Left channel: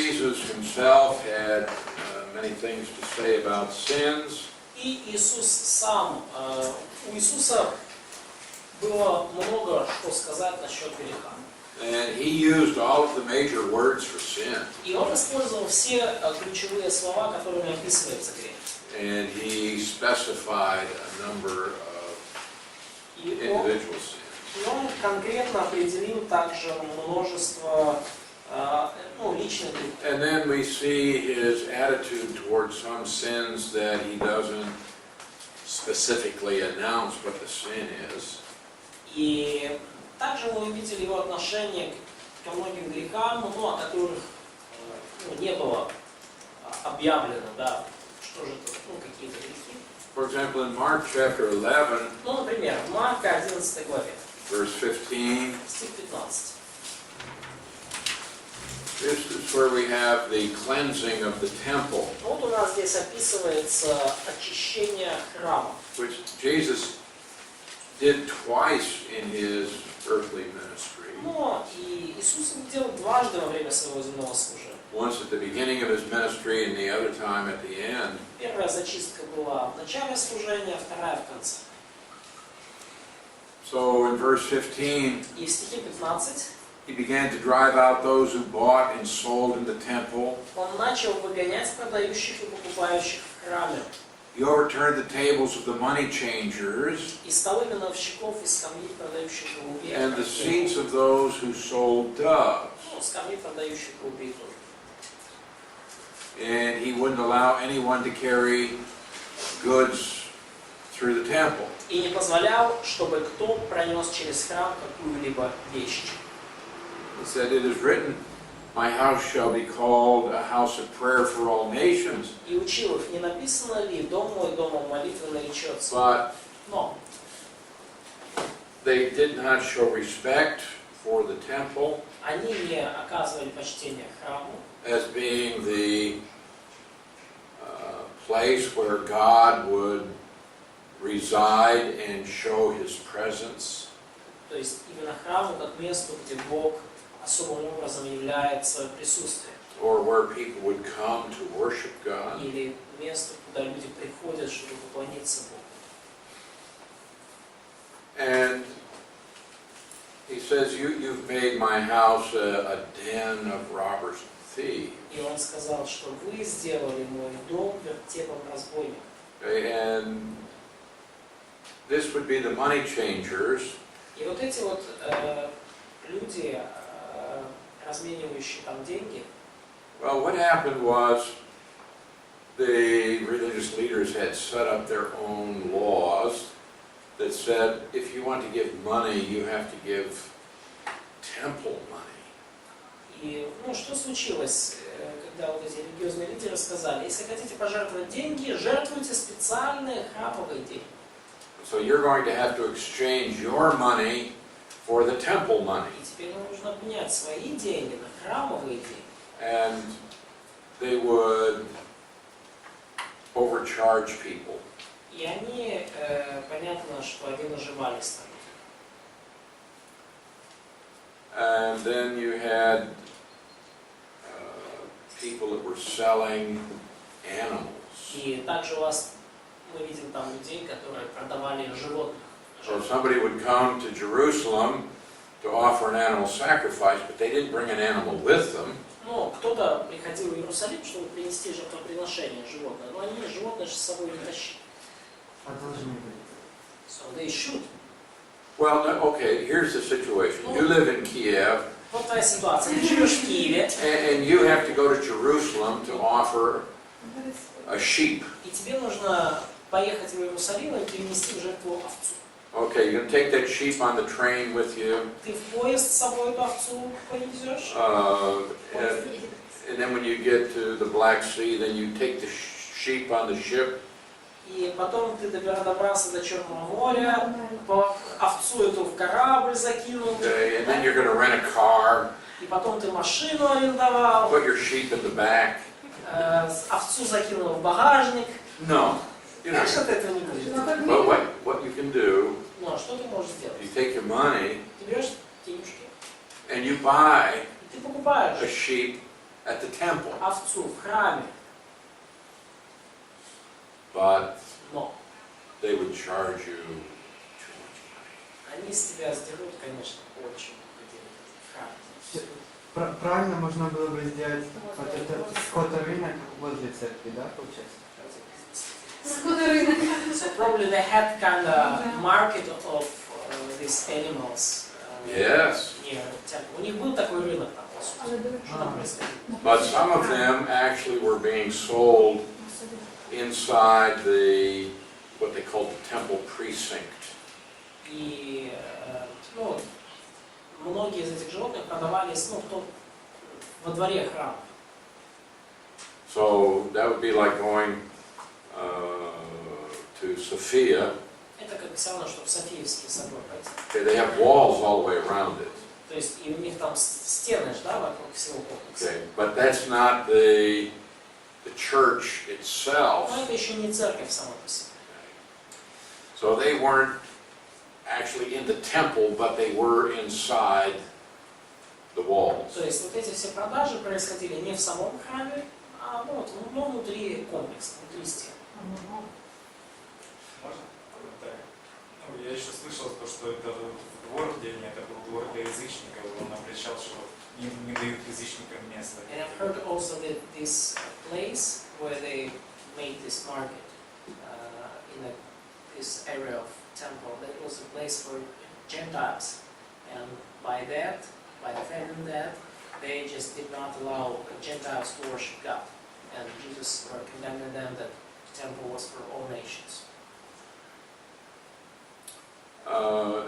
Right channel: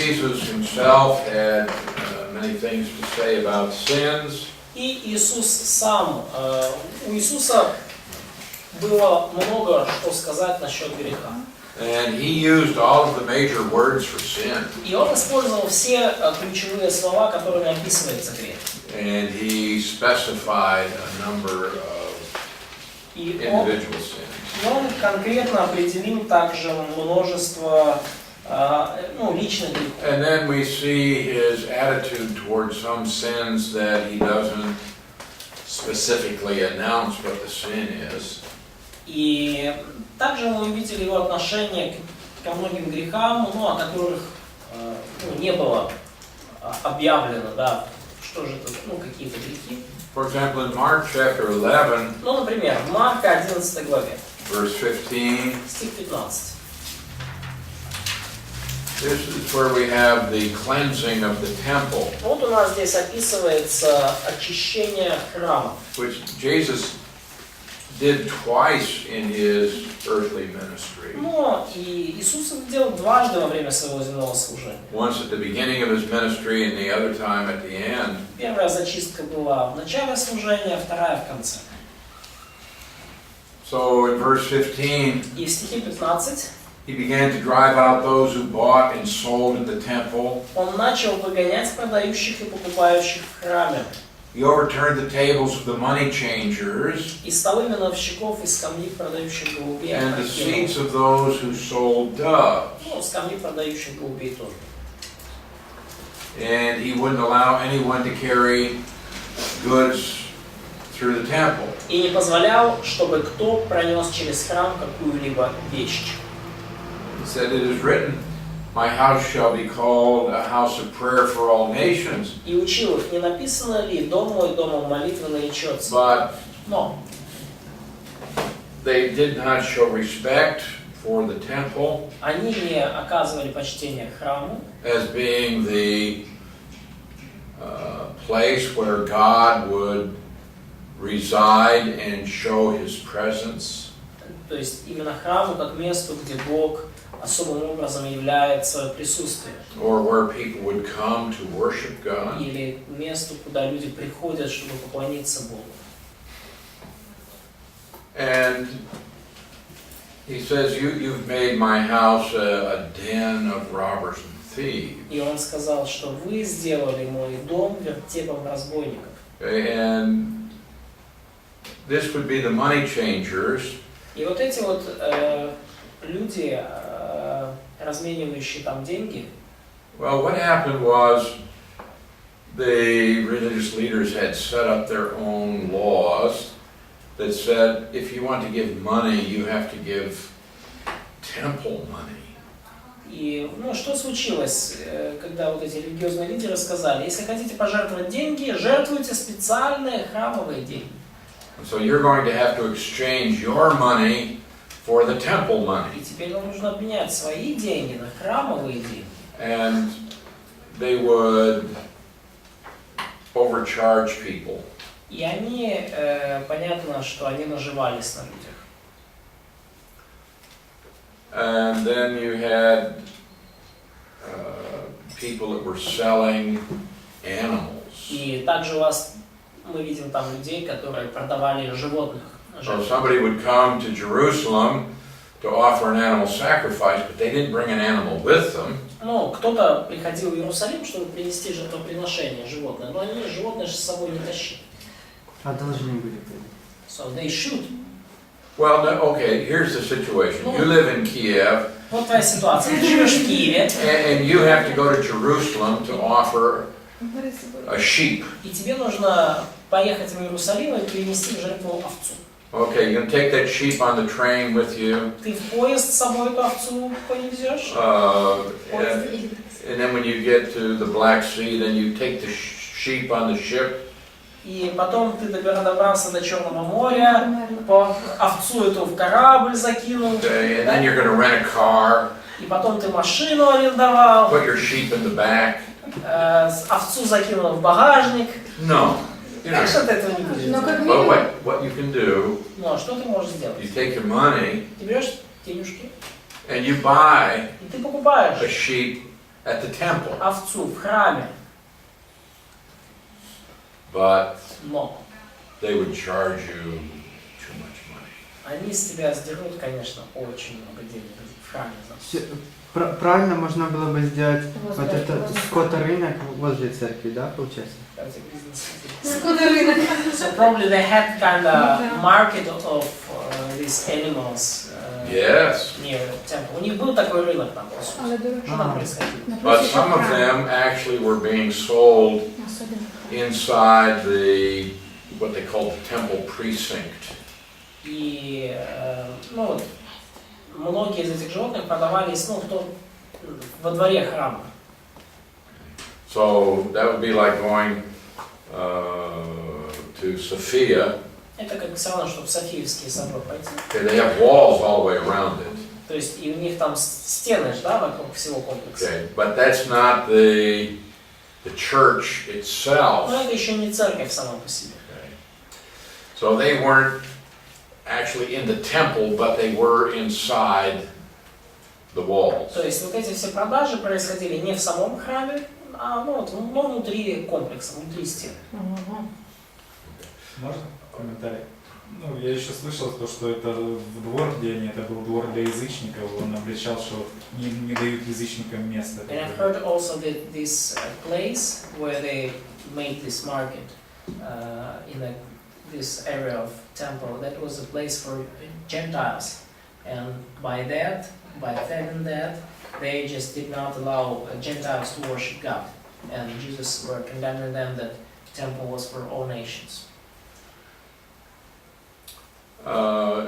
Jesus himself had many things to say about sins. И Иисус сам, у Иисуса было много что сказать насчет греха. And he used all of the major words for sin. И он использовал все ключевые слова, которыми описывается грех. And he specified a number of individual sins. И он конкретно определил также множество личных грехов. And then we see his attitude towards some sins that he doesn't specifically announce what the sin is. И также мы увидели его отношение ко многим грехам, о которых не было объявлено, да, что же это, какие-то грехи. For example, in Mark chapter 11, Например, в Марка 11 главе, verse 15, стих 15. this is where we have the cleansing of the temple, Вот у нас здесь описывается очищение храма, which Jesus did twice in his earthly ministry. Но и Иисус это делал дважды во время своего земного служения. Once at the beginning of his ministry and the other time at the end. Первая зачистка была в начале служения, вторая в конце. So in verse 15, И в стихе 15 he began to drive out those who bought and sold in the temple. он начал выгонять продающих и покупающих в храме. He overturned the tables of the money changers И столы миновщиков, и скамьи продающих голубей. and the seats of those who sold doves. Скамьи продающих голубей тоже. And he wouldn't allow anyone to carry goods through the temple. И не позволял, чтобы кто пронес через храм какую-либо вещь. He said, "It is written, my house shall be called a house of prayer for all nations." И учил их, не написано ли: «Дом мой, домом молитвы наречется». But Но they did not show respect for the temple они не оказывали почтения храму, as being the place where God would reside and show his presence. то есть именно храму как месту, где Бог особым образом является присутствием. Or where people would come to worship God. Или месту, куда люди приходят, чтобы поклониться Богу. And he says, you've made my house a den of robbers and thieves. И он сказал, что вы сделали мой дом вертепом разбойников. And this would be the money changers. И вот эти вот люди, разменивающие там деньги. Well, what happened was the religious leaders had set up their own laws that said if you want to give money, you have to give temple money. И что случилось, когда вот эти религиозные лидеры сказали: если хотите пожертвовать деньги, жертвуйте специальные храмовые деньги. So you're going to have to exchange your money for the temple money. И теперь вам нужно обменять свои деньги на храмовые деньги. And they would overcharge people. И они, понятно, что они наживались на людях. And then you had people that were selling animals. И также у вас, мы видим там людей, которые продавали животных. So somebody would come to Jerusalem to offer an animal sacrifice, but they didn't bring an animal with them. Кто-то приходил в Иерусалим, чтобы принести жертвоприношение животное, но они животное же с собой не тащили. А должны были. So they should. Well, no, okay, here's the situation. You live in Kiev, Вот твоя ситуация. Ты живешь в Киеве, and you have to go to Jerusalem to offer a sheep. и тебе нужно поехать в Иерусалим и принести в жертву овцу. Okay, you're going to take that sheep on the train with you. Ты в поезд с собой эту овцу повезешь. And then when you get to the Black Sea, then you take the sheep on the ship. И потом ты добрался до Черного моря, овцу эту в корабль закинул. Okay, and then you're going to rent a car. И потом ты машину арендовал. Put your sheep in the back. Овцу закинул в багажник. No. Конечно, ты этого не будешь делать. But what you can do, Но что ты можешь сделать? you take your money Ты берешь денежки, and you buy и ты покупаешь a sheep at the temple. овцу в храме, But но they would charge you too much money. они с тебя сдерут, конечно, очень много денег в храме. Правильно можно было бы сделать вот этот скоторынок возле церкви, да, получается? So probably they had kind of market of these animals Yes. near temple. У них был такой рынок там, по сути. Что там происходило? But some of them actually were being sold inside the, what they called the temple precinct. И ну, вот, многие из этих животных продавались во дворе храма. So that would be like going to Sophia. Это как все равно, чтобы в Софиевский собор пойти. Okay, they have walls all the way around it. То есть и у них там стены, да, вокруг всего комплекса. Okay, but that's not the church itself. Но это еще не церковь сама по себе. Okay. So they weren't actually in the temple, but they were inside the walls. То есть вот эти все продажи происходили не в самом храме, а внутри комплекса, внутри стен. Можно комментарий? Ну, я еще слышал, что это в двор, где они, это был двор для язычников, он обличал, что не дают язычникам места. And I've heard also that this place where they made this market in this area of temple, that was a place for Gentiles, and by having that, they just did not allow Gentiles to worship God, and Jesus were condemning them that the temple was for all nations. I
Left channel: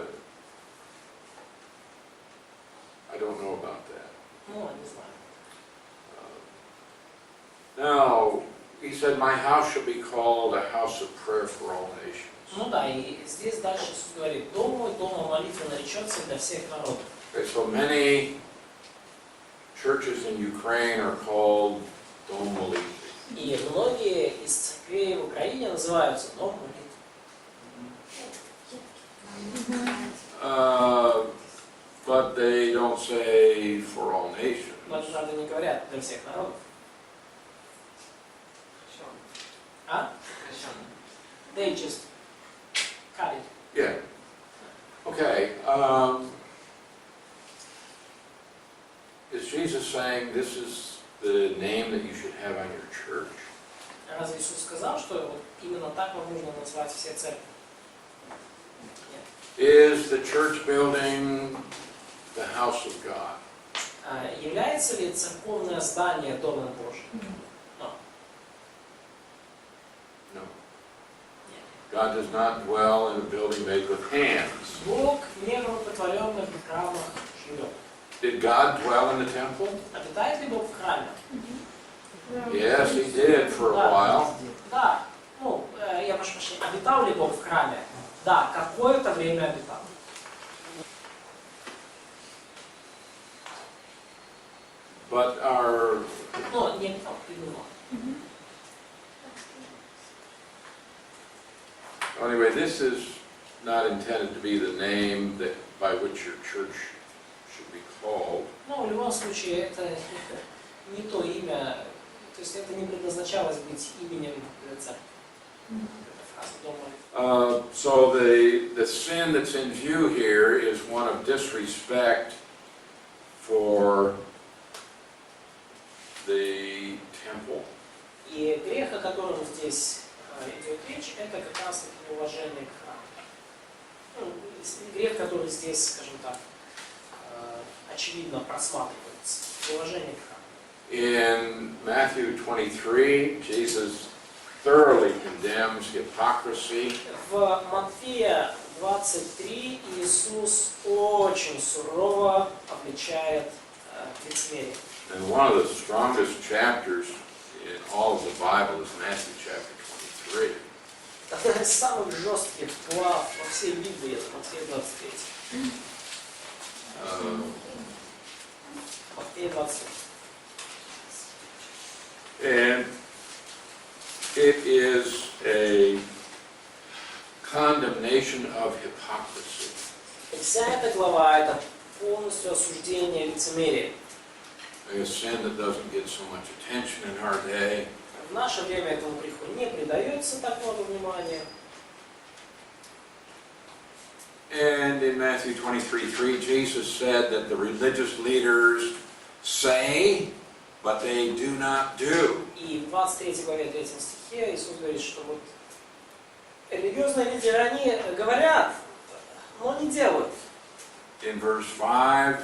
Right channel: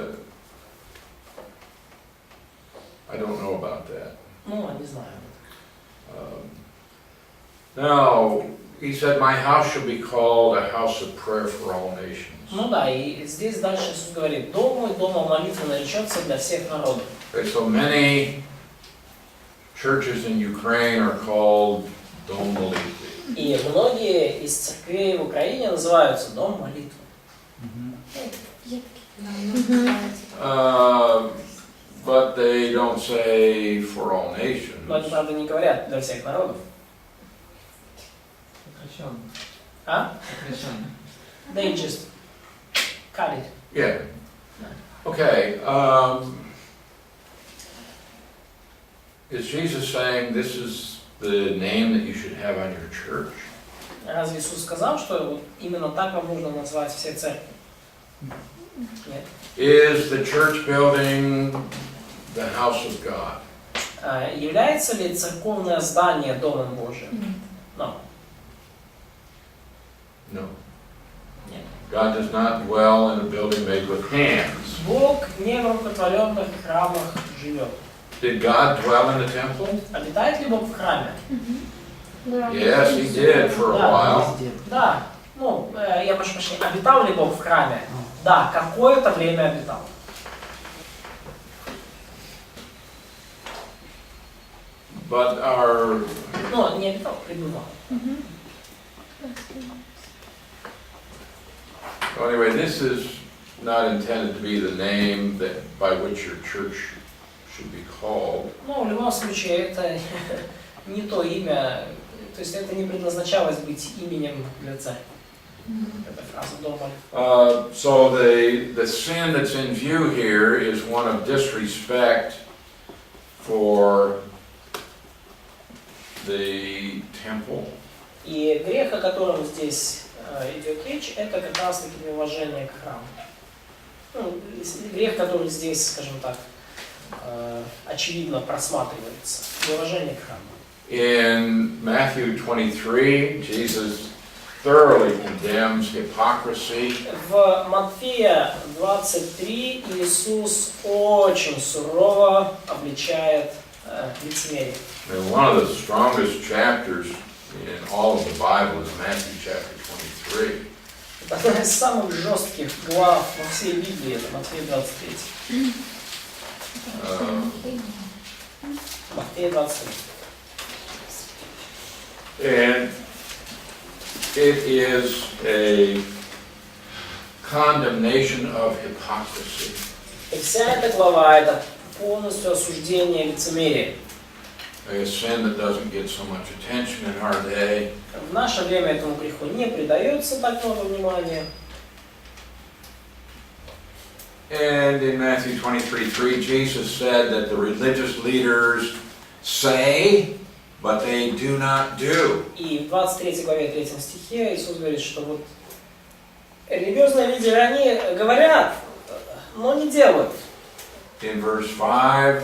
don't know about that. Ну, не знаю. Now, he said, my house should be called a house of prayer for all nations. Ну да, и здесь дальше Иисус говорит, дом мой, дома молитвы наречется для всех народов. Okay, so many churches in Ukraine are called Dom Molitvi. И многие из церквей в Украине называются дом молитвы. But they don't say for all nations. Но они, правда, не говорят для всех народов. А? They just cut it. Yeah. Okay. Is Jesus saying this is the name that you should have on your church? Разве Иисус сказал, что вот именно так вам нужно назвать все церкви? Нет. Is the church building the house of God? Является ли церковное здание Домом Божиим? No. No. Нет. God does not dwell in a building made with hands. Бог не в рукотворенных храмах живет. Did God dwell in the temple? Обитает ли Бог в храме? Yes, he did for a Да, while. да. Ну, я прошу прощения, обитал ли Бог в храме? Да, какое-то время обитал. But our Но не обитал, пребывал. anyway, this is not intended to be the name that by which your church should be called. Ну, в любом случае, это не то имя, то есть это не предназначалось быть именем для церкви. Эта фраза дома. So the sin that's in view here is one of disrespect for the temple. И грех, о котором здесь идет речь, это как раз таки неуважение к храму. Ну, грех, который здесь, скажем так, очевидно просматривается. Неуважение к храму. In Matthew 23, Jesus thoroughly condemns hypocrisy. В Матфея 23 Иисус очень сурово обличает лицемерие. And one of the strongest chapters in all of the Bible is Matthew chapter 23. Это одна из самых жестких глав во всей Библии, это Матфея 23. Матфея 23. And it is a condemnation of hypocrisy. И вся эта глава это полностью осуждение лицемерия. A sin that doesn't get so much attention in our day. В наше время этому греху не придается так много внимания. And in Matthew 23:3, Jesus said that the religious leaders say, but they do not do. И в 23 главе 3 стихе Иисус говорит, что вот религиозные лидеры, они говорят, но не делают. In verse 5,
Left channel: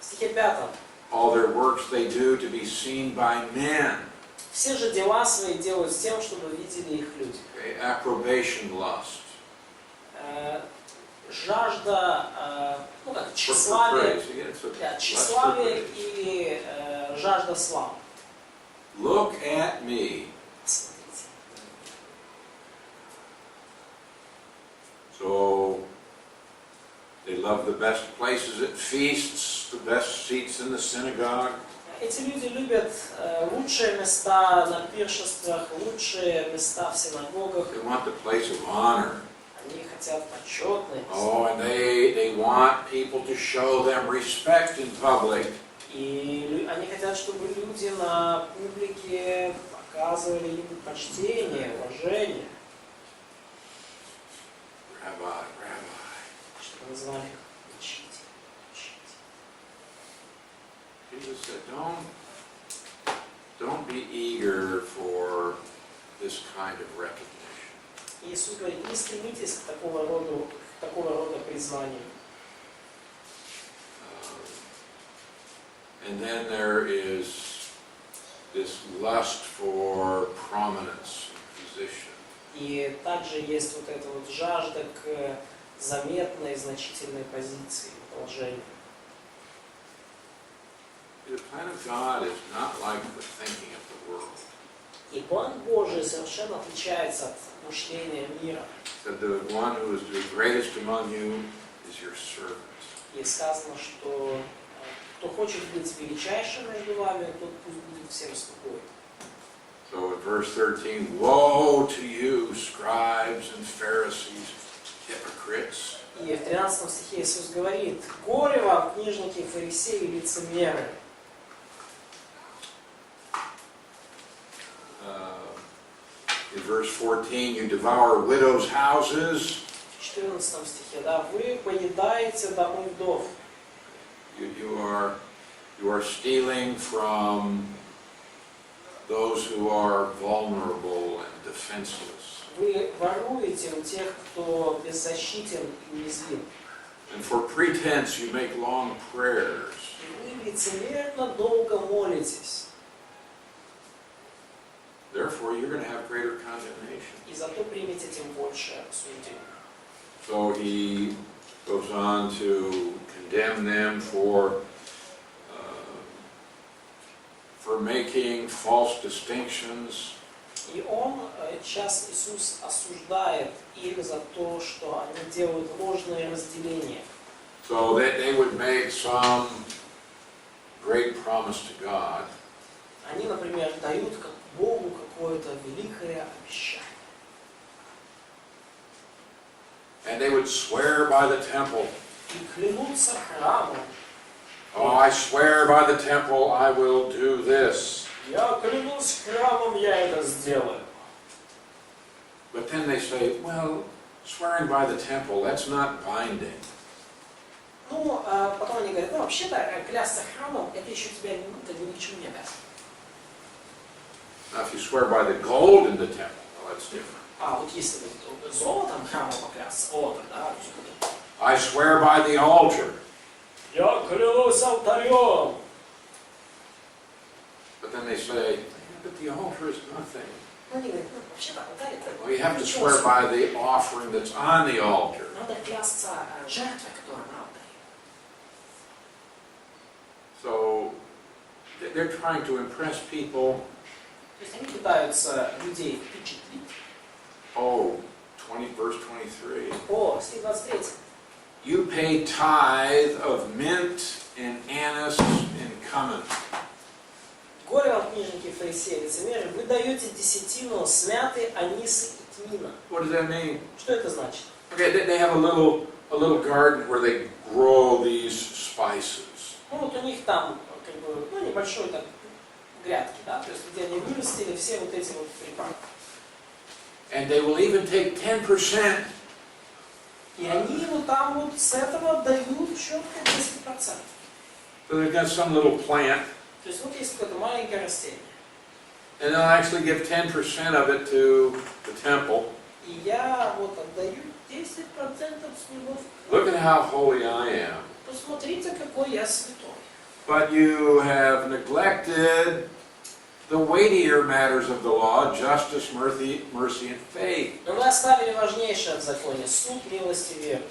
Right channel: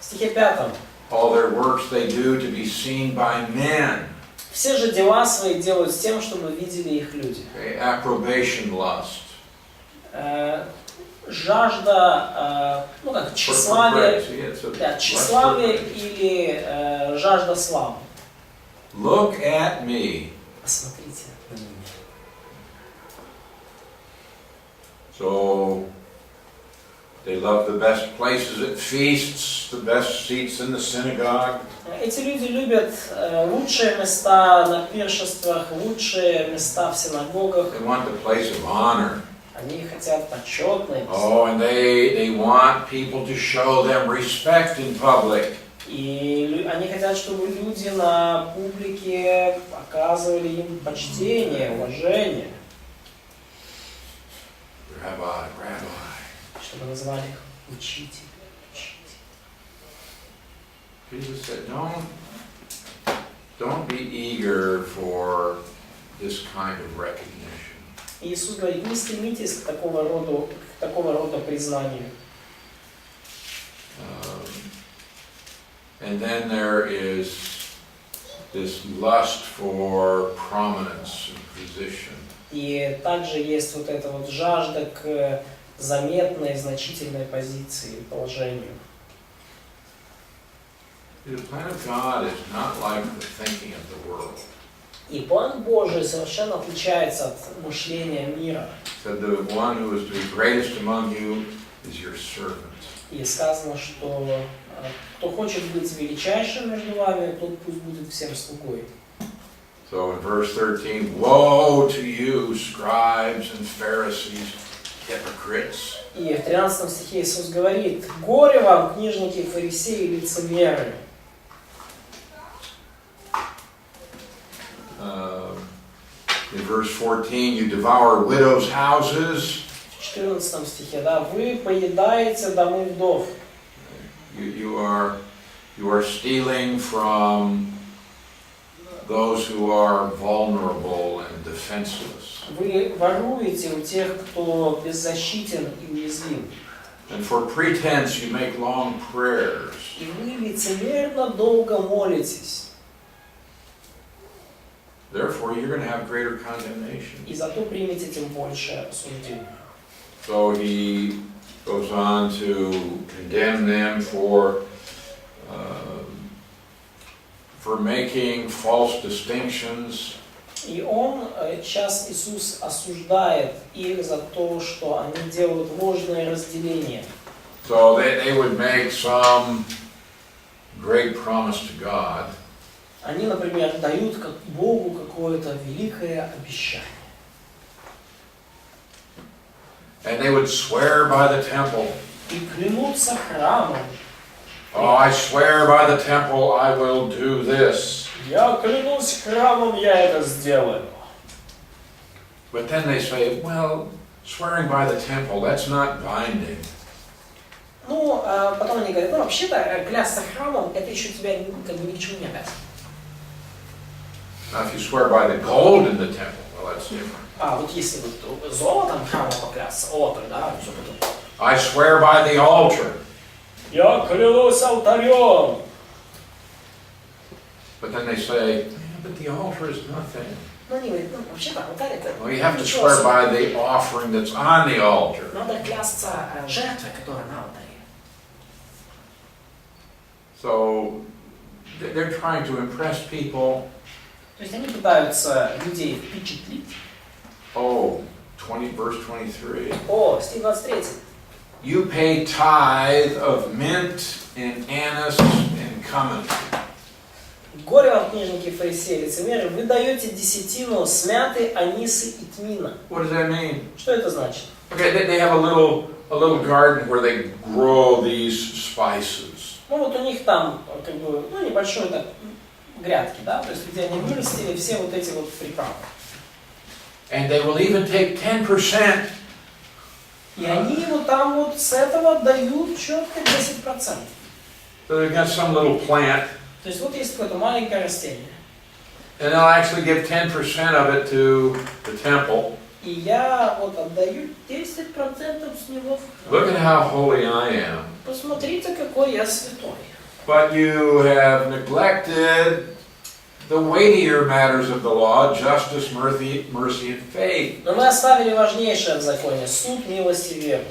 В стихе 5. all their works they do to be seen by men. Все же дела свои делают с тем, чтобы видели их люди. Okay, approbation lust. Жажда, ну как, тщеславие, да, тщеславие или жажда славы. Look at me. Посмотрите на меня. So they love the best places at feasts, the best seats in the synagogue. Эти люди любят лучшие места на пиршествах, лучшие места в синагогах. They want the place of honor. Они хотят почетные места. Oh, and they want people to show them respect in public. И они хотят, чтобы люди на публике показывали им почтение, уважение. Rabbi. Чтобы назвали их учитель. Jesus said, don't be eager for this kind of recognition. Иисус говорит, не стремитесь к такого рода признанию. And then there is this lust for prominence and position. И также есть вот эта вот жажда к заметной, значительной позиции и положению. The plan of God is not like the thinking of the world. И план Божий совершенно отличается от мышления мира. That the one who is to be greatest among you is your servant. И сказано, что кто хочет быть величайшим между вами, тот пусть будет всем слугой. So in verse 13, woe to you, scribes and Pharisees, hypocrites. И в 13 стихе Иисус говорит, горе вам, книжники, фарисеи и лицемеры. In verse 14, you devour widows' houses. В 14 стихе, да, вы поедаете домы вдов. You are stealing from those who are vulnerable and defenseless. Вы воруете у тех, кто беззащитен и уязвим. And for pretense, you make long prayers. И вы лицемерно долго молитесь. Therefore, you're going to have greater condemnation. И зато примете тем больше осуждения. So he goes on to condemn them for making false distinctions. И он, сейчас Иисус осуждает их за то, что они делают ложные разделения. So they would make some great promise to God. Они, например, дают Богу какое-то великое обещание. And they would swear by the temple. И клянутся храмом. Oh, I swear by the temple I will do this. Я клянусь храмом, я это сделаю. But then they say, well, swearing by the temple, that's not binding. Ну, потом они говорят, ну, вообще-то, клясться храмом, это еще тебя как бы ничего не обязывает. Now, if you swear by the gold in the temple, well, that's different. А вот если вот золотом храма поклясться, о, тогда все это. I swear by the altar. Я клянусь алтарем. But then they say, yeah, but the altar is nothing. Ну, они говорят, ну, вообще-то, алтарь это... Well, you have to swear by the offering that's on the altar. Надо клясться жертвой, которая на алтаре. So they're trying to impress people. То есть они пытаются людей впечатлить. Oh, verse 23. О, стих 23. You pay tithe of mint and anise and cumin. Горе вам, книжники, фарисеи, лицемеры, вы даете десятину с мяты, анисы и тмина. What does that mean? Что это значит? Okay, they have a little a little garden where they grow these spices. Ну вот у них там как бы, ну, небольшой так грядки, да, то есть где они вырастили все вот эти вот приправы. And they will even take 10%. И они вот там вот с этого дают четко 10%. So they've got some little plant, То есть вот есть какое-то маленькое растение. and they'll actually give 10% of it to the temple. И я вот отдаю 10% с него. Look at how holy I am. Посмотрите, какой я святой. But you have neglected the weightier matters of the law, justice, mercy, and faith. Но мы оставили важнейшее в законе: суд, милость и веру.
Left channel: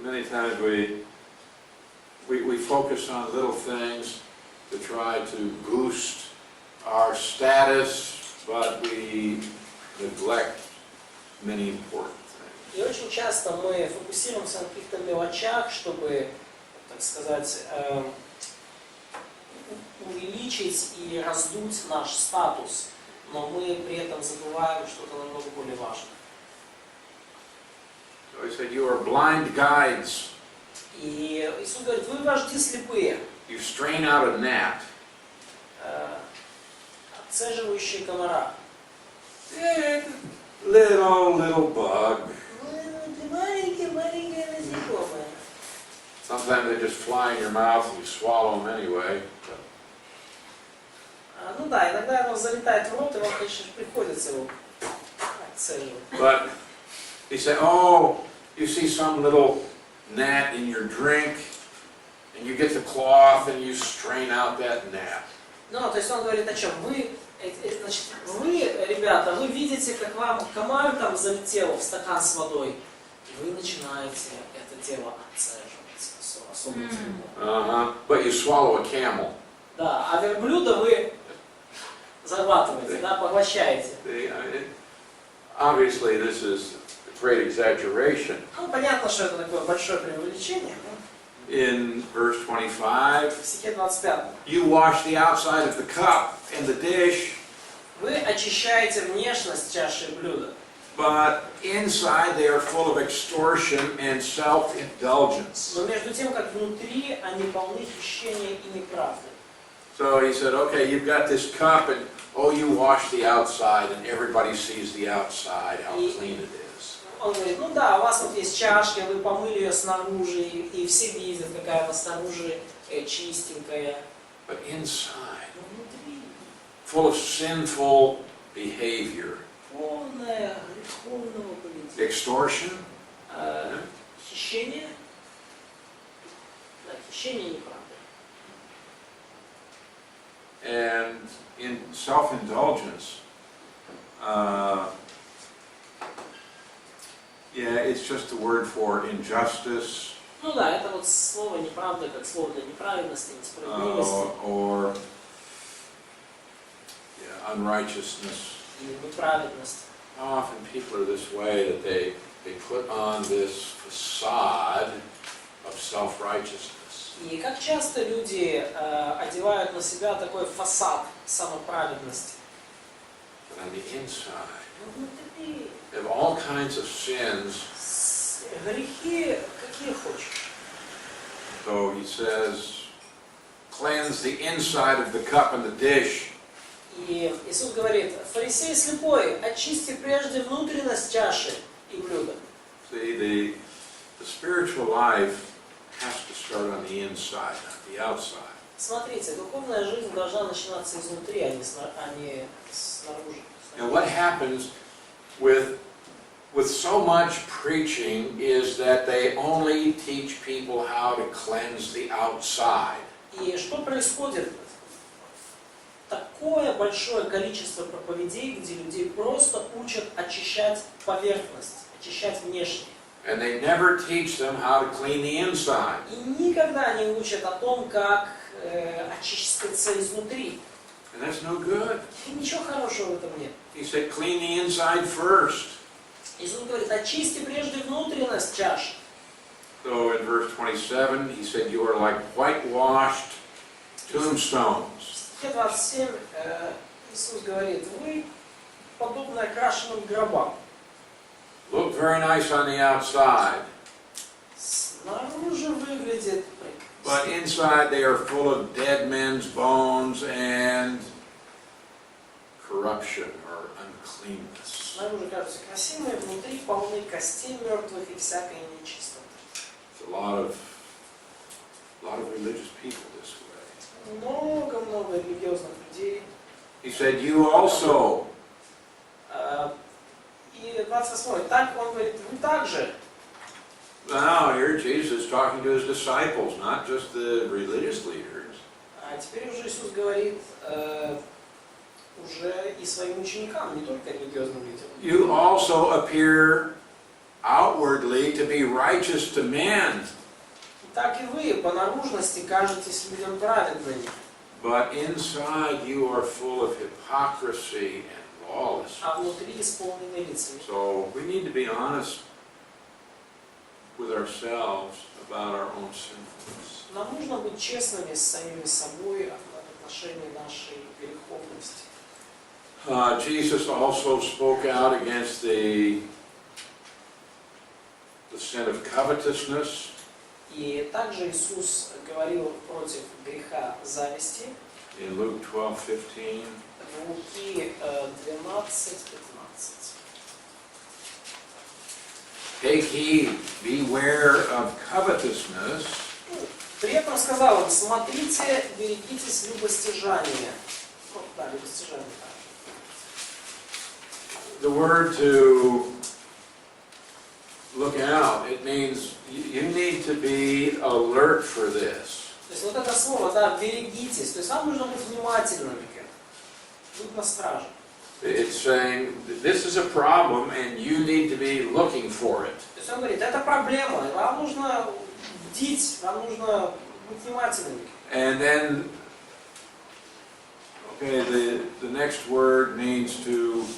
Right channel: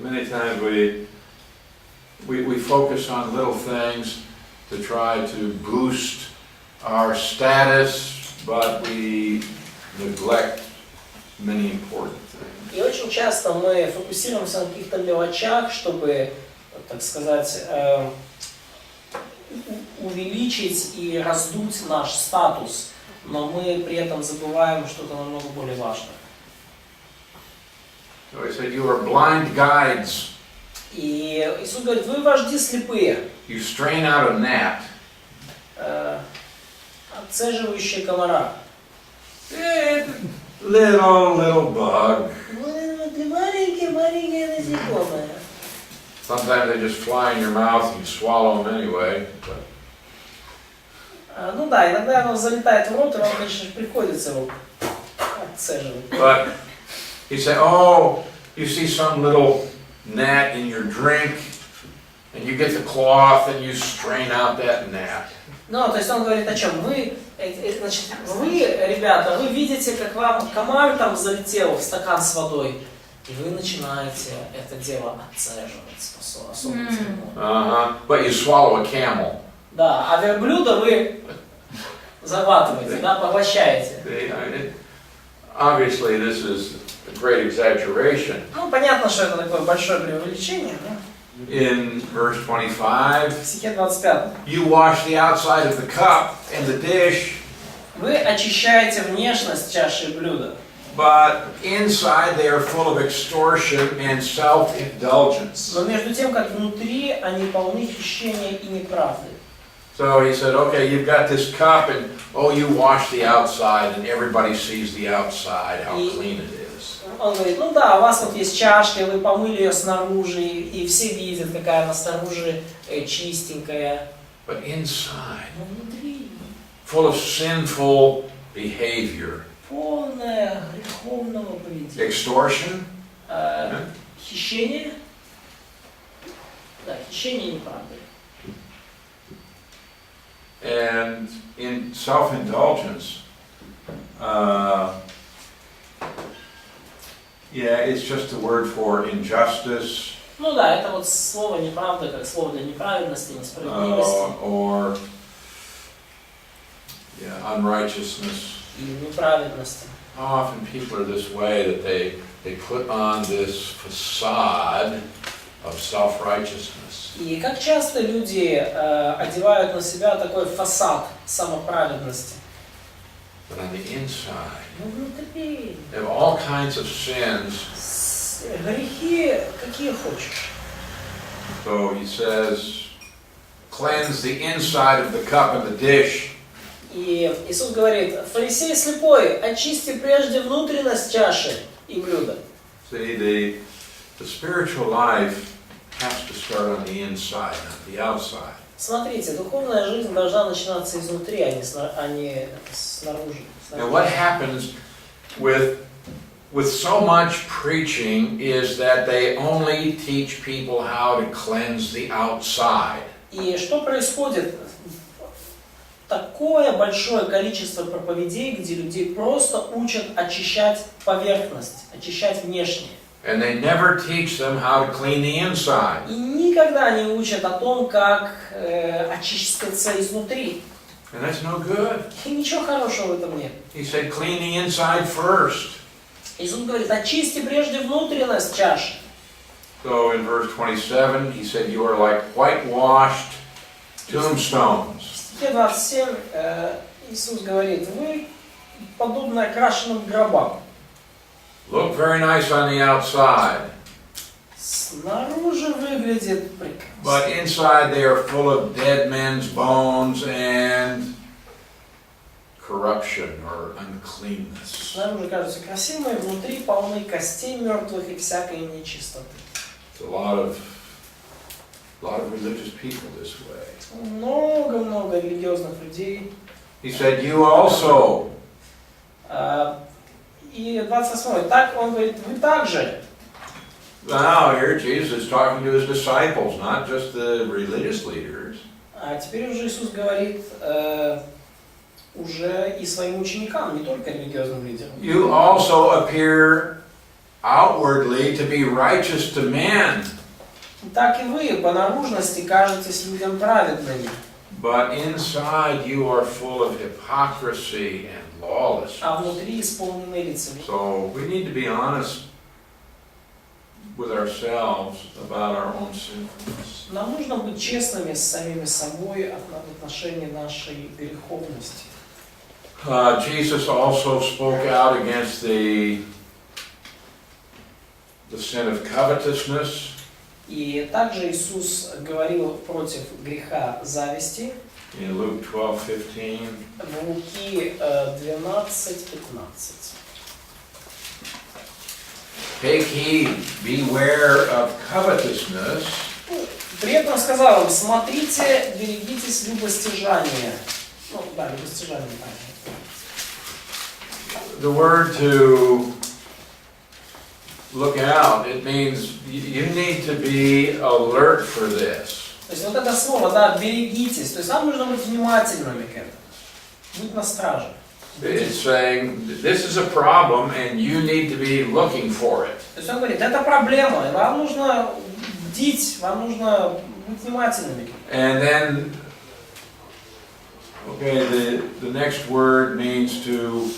Many times we focus on little things to try to boost our status, but we neglect many important things. И очень часто мы фокусируемся на каких-то мелочах, чтобы, так сказать, увеличить и раздуть наш статус, но мы при этом забываем что-то намного более важное. So he said, you are blind guides. И Иисус говорит: вы вожди слепые, You strain out a gnat. отцеживающие комара. Little bug. Вы маленькие насекомые. Sometimes they just fly in your mouth and you swallow them anyway. Ну да, иногда оно залетает в рот, и вам, конечно, приходится его отцеживать. But he said, oh, you see some little gnat in your drink, and you get the cloth and you strain out that gnat. Ну, то есть он говорит о чем? Значит, вы, ребята, вы видите, как вам комар там залетел в стакан с водой, и вы начинаете это дело отцеживать особо сильно. But you swallow a camel. Да, а верблюда вы захватываете, да, поглощаете. Obviously, this is a great exaggeration. Ну, понятно, что это такое большое преувеличение. In verse 25, В стихе 25. you wash the outside of the cup and the dish, Вы очищаете внешность чаши и блюда, but inside they are full of extortion and self-indulgence. но между тем, как внутри они полны хищения и неправды. So he said, okay, you've got this cup and, oh, you wash the outside and everybody sees the outside, how clean it is. Он говорит: ну да, у вас вот есть чашка, вы помыли ее снаружи, и все видят, какая она снаружи чистенькая. But inside, Но внутри full of sinful behavior. полное греховного поведения. Extortion, Хищение. Да, хищение и неправды. and in self-indulgence, yeah, it's just a word for injustice, Ну да, это вот слово неправда, как слово для неправедности, несправедливости or unrighteousness. и неправедности. Often people are this way, that they put on this facade of self-righteousness. И как часто люди одевают на себя такой фасад самоправедности. But on the inside, Ну внутри they have all kinds of sins. грехи какие хочешь. So he says, cleanse the inside of the cup and the dish. И Иисус говорит: фарисей слепой, очисти прежде внутренность чаши и блюда. See, the spiritual life has to start on the inside, not the outside. Смотрите, духовная жизнь должна начинаться изнутри, а не снаружи. And what happens with so much preaching is that they only teach people how to cleanse the outside. И что происходит? Такое большое количество проповедей, где людей просто учат очищать поверхность, очищать внешне. And they never teach them how to clean the inside. И никогда не учат о том, как очиститься изнутри. And that's no good. И ничего хорошего в этом нет. He said, clean the inside first. Иисус говорит: очисти прежде внутренность чаши. So in verse 27, he said, you are like whitewashed tombstones. В стихе 27 Иисус говорит: вы подобны окрашенным гробам. Look very nice on the outside, Снаружи выглядит but прекрасно. inside they are full of dead men's bones and corruption or uncleanness. Снаружи кажутся красивыми, внутри полны костей мертвых и всякой нечистоты. It's a lot of religious people this way. Много-много религиозных людей. He said, you also. И 28. Так он говорит, вы также. Now here Jesus is talking to his disciples, not just the religious leaders. А теперь уже Иисус говорит уже и своим ученикам, не только религиозным лидерам. You also appear outwardly to be righteous to men, Так и вы по наружности кажетесь людям праведными, but inside you are full of hypocrisy and lawlessness. а внутри исполнены лицами. So we need to be honest with ourselves about our own sinfulness. Нам нужно быть честными с самими собой в отношении нашей греховности. Jesus also spoke out against the sin of covetousness. И также Иисус говорил против греха зависти In Luke 12:15. в Луки 12:15. Take heed, beware of covetousness, При этом сказал им, смотрите, берегитесь любостяжания. Ну, да, любостяжания также. the word to look out, it means you need to be alert for this. То есть вот это слово, да, берегитесь. То есть нам нужно быть внимательными к этому. Быть на страже. It's saying this is a problem and you need to be looking for it. То есть он говорит, это проблема, и вам нужно бдить, вам нужно быть внимательными. And then, okay, the next word means to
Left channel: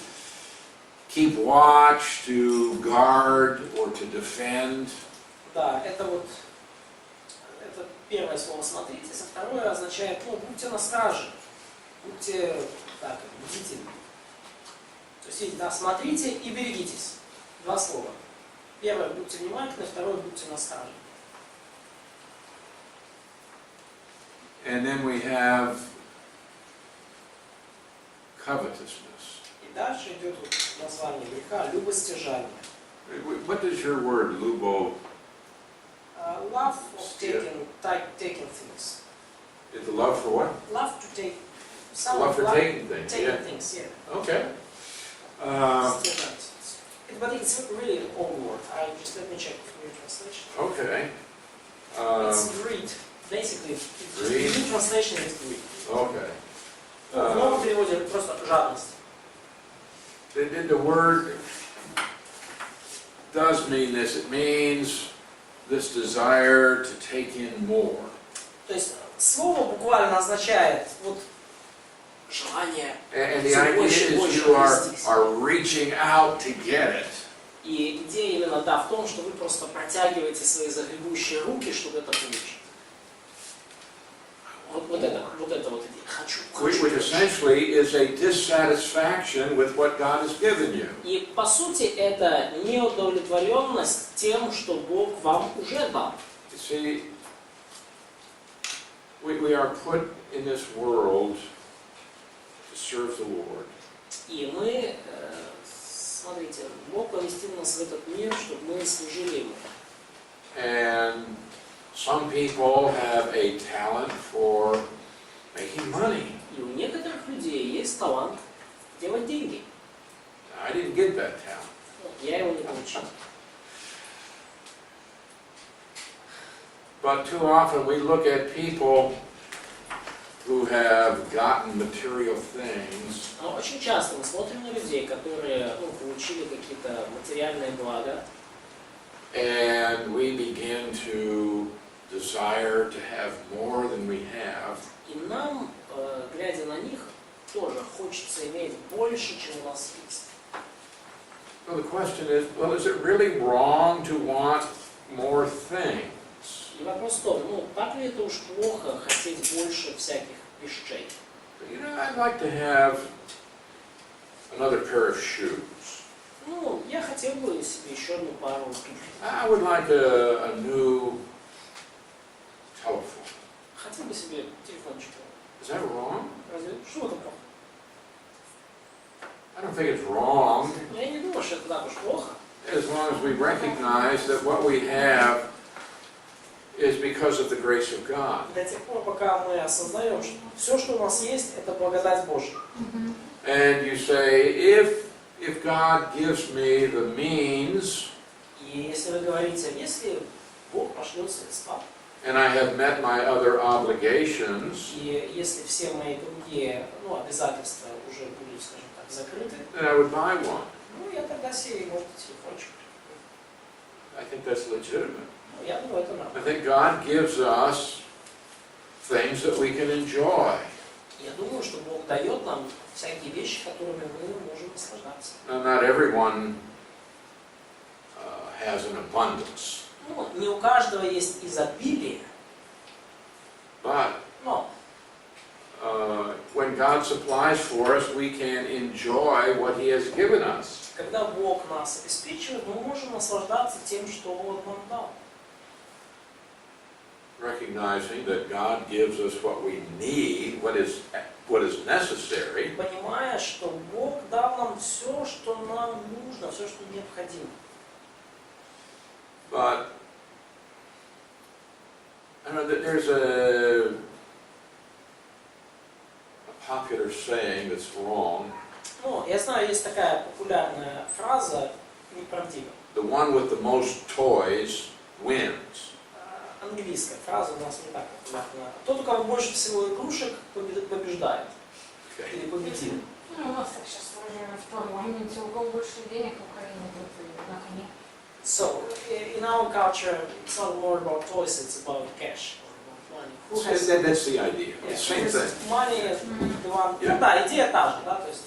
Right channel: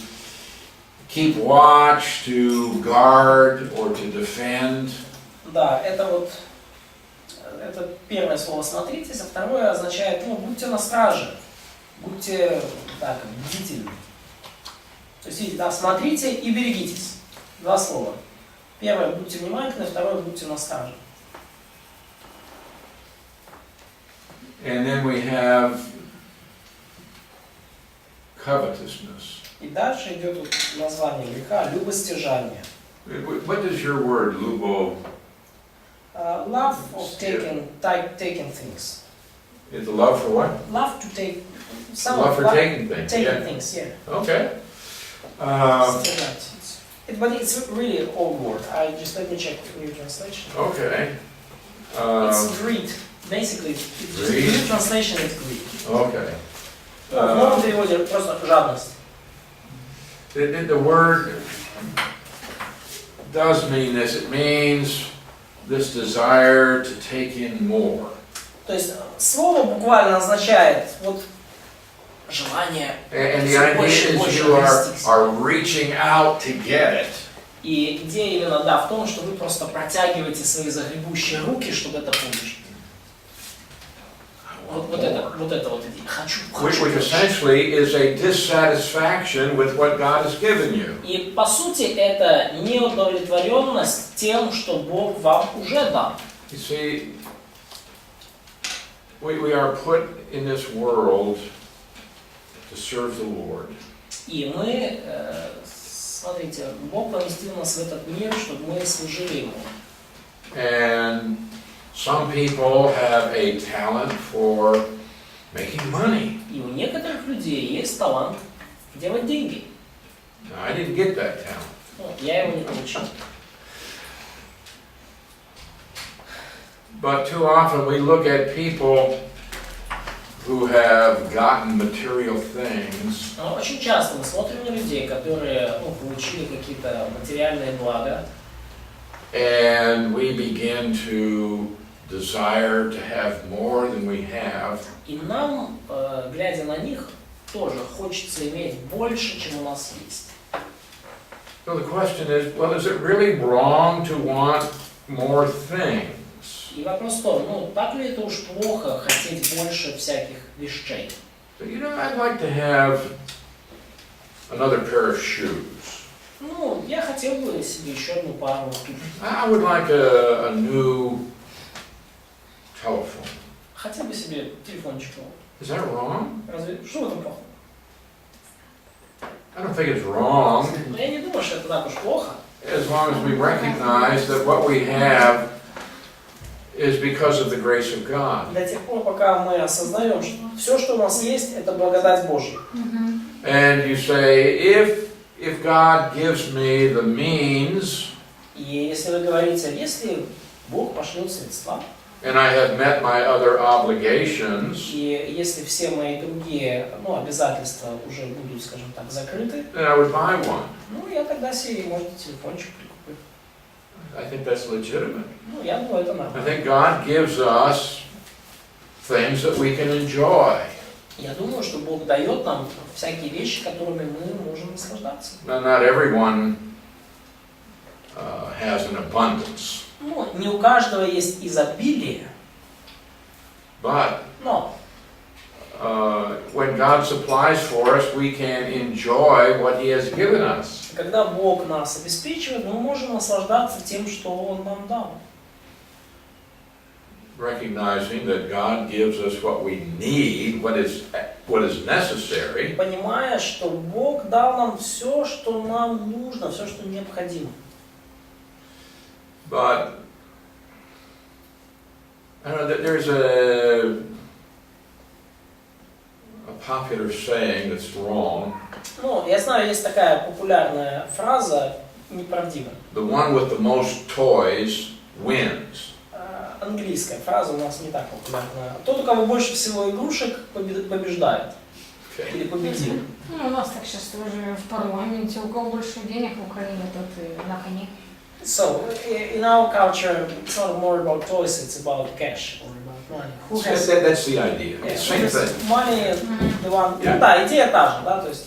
keep watch, to guard, or to defend. Да, это вот, это первое слово «смотритесь», а второе означает, ну, будьте на страже, будьте, так, бдительны. То есть, видите, да, смотрите и берегитесь. Два слова. Первое, будьте внимательны, второе, будьте на страже. And then we have covetousness. И дальше идет вот название греха любостяжание. What does your word, lubo, Love of taking things. is the love for what? Love to take Love for taking things. taking Yeah. things, yeah. Okay. Стяжать. But it's really an old word. Let me check the new translation. Okay. It's greed. Basically, it's Greed? the new translation is greed. Okay. В новом переводе просто жадность. The word does mean this. It means this desire to take in more. То есть слово буквально означает вот желание And the всё idea больше и is больше you расти. are reaching out to get it. И идея именно, да, в том, что вы просто протягиваете свои загребущие руки, чтобы это получить. Вот это вот идея. Хочу. Which essentially is a dissatisfaction with what God has given you. И по сути это неудовлетворенность тем, что Бог вам уже дал. You see, we are put in this world to serve the Lord. И мы, смотрите, Бог поместил нас в этот мир, чтобы мы служили Ему. And some people have a talent for making money. И у некоторых людей есть талант делать деньги. Now, I didn't get that talent. Ну, я его не получил. But too often we look at people who have gotten material things Но очень часто мы смотрим на людей, которые получили какие-то материальные блага, and we begin to desire to have more than we have. и нам, глядя на них, тоже хочется иметь больше, чем у нас есть. So the question is, well, is it really wrong to want more things? И вопрос в том, так ли это уж плохо хотеть больше всяких вещей? But, I'd like to have another pair of shoes. Ну, я хотел бы себе еще одну пару туфель. I would like a new telephone. Хотел бы себе телефончик. Is that wrong? Разве что в этом плохо? I don't think it's wrong Я не думаю, что это так уж плохо. as long as we recognize that what we have is because of the grace of God. До тех пор, пока мы осознаем, что все, что у нас есть, это благодать Божья. And you say, if God gives me the means, И если вы говорите, если Бог пошлет средства, and I have met my other obligations, и если все мои другие обязательства уже будут, скажем так, закрыты, then I would buy one. ну, я тогда себе, может, телефончик прикуплю. I think that's legitimate. Ну, я думаю, это I нормально. think God gives us things that we can enjoy. Я думаю, что Бог дает нам всякие вещи, которыми мы можем наслаждаться. Now, not everyone has an abundance, Ну, не у каждого есть изобилие, but но when God supplies for us, we can enjoy what He has given us. когда Бог нас обеспечивает, мы можем наслаждаться тем, что Он нам дал. Recognizing that God gives us what we need, what is necessary, Понимая, что Бог дал нам все, что нам нужно, все, что необходимо. but I don't know, there's a popular saying that's wrong. Ну, я знаю, есть такая популярная фраза, неправдивая. The one with the most toys wins. Английская фраза у нас не так популярна. Тот, у кого больше всего игрушек, побеждает. Okay. Или победил. Ну, у нас так сейчас тоже в парламенте, у кого больше денег в Украине, тот и на коне. So, in our culture, it's not more about toys, it's about cash or about money. Who has That's the idea. yeah, Same thing. money, the one... Yeah. Ну да, идея та же, да, то есть...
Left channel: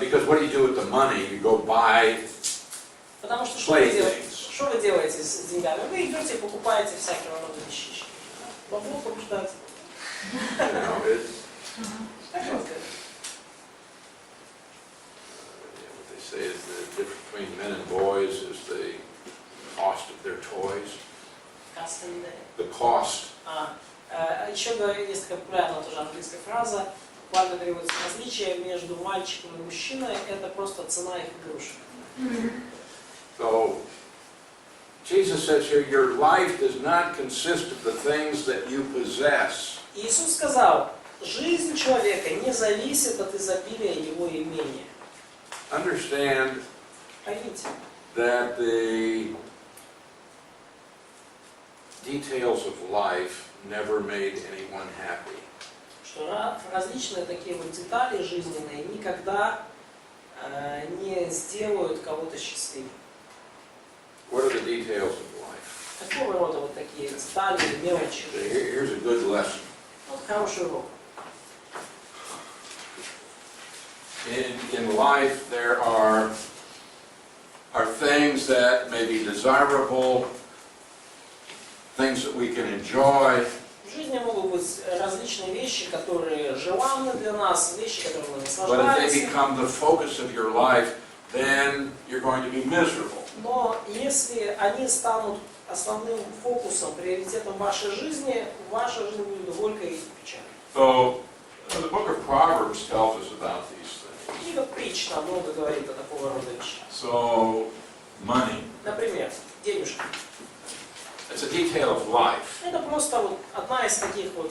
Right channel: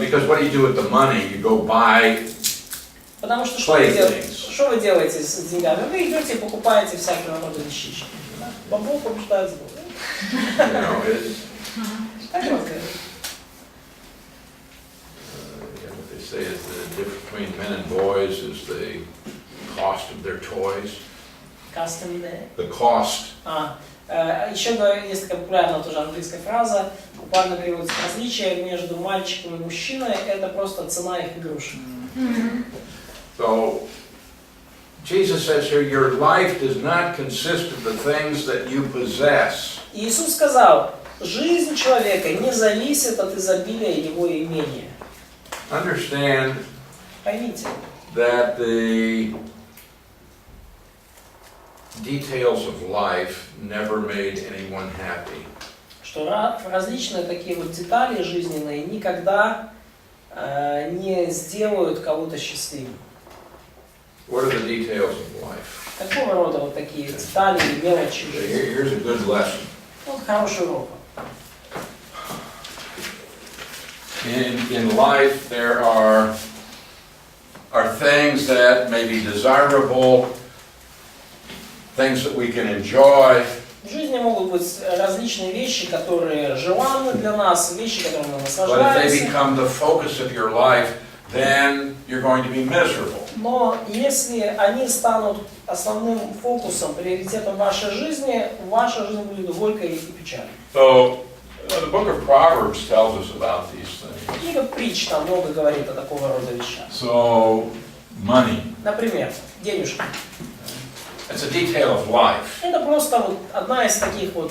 Because what do you do with the money? You go buy Потому что что вы playthings. что вы делаете с деньгами? Вы идете и покупаете всякие рода вещички. Да? Бог побеждает зло. You know, Так вот, what they say is the difference between men and boys is the cost of their toys. custom day. The cost. Еще есть такая популярная тоже английская фраза, буквально переводится: различие между мальчиком и мужчиной — это просто цена их игрушек. So Jesus says here, your life does not consist of the things that you possess. Иисус сказал, жизнь человека не зависит от изобилия его имения. Understand Поймите, that the details of life never made anyone happy. что различные такие вот детали жизненные никогда не сделают кого-то счастливым. What are the details of life? Какого рода вот такие детали и мелочи жизни? Here's a good lesson. Вот хороший урок. In life, there are things that may be desirable, things that we can enjoy, В жизни могут быть различные вещи, которые желанны для нас, вещи, которыми мы but if they наслаждаемся. become the focus of your life, then you're going to be miserable. Но если они станут основным фокусом, приоритетом вашей жизни, ваша жизнь будет горькой и печальной. So, the book of Proverbs tells us about these things. Книга притч там много говорит о такого рода вещах. So, money. Например, денежки. It's a detail of life. Это просто вот одна из таких вот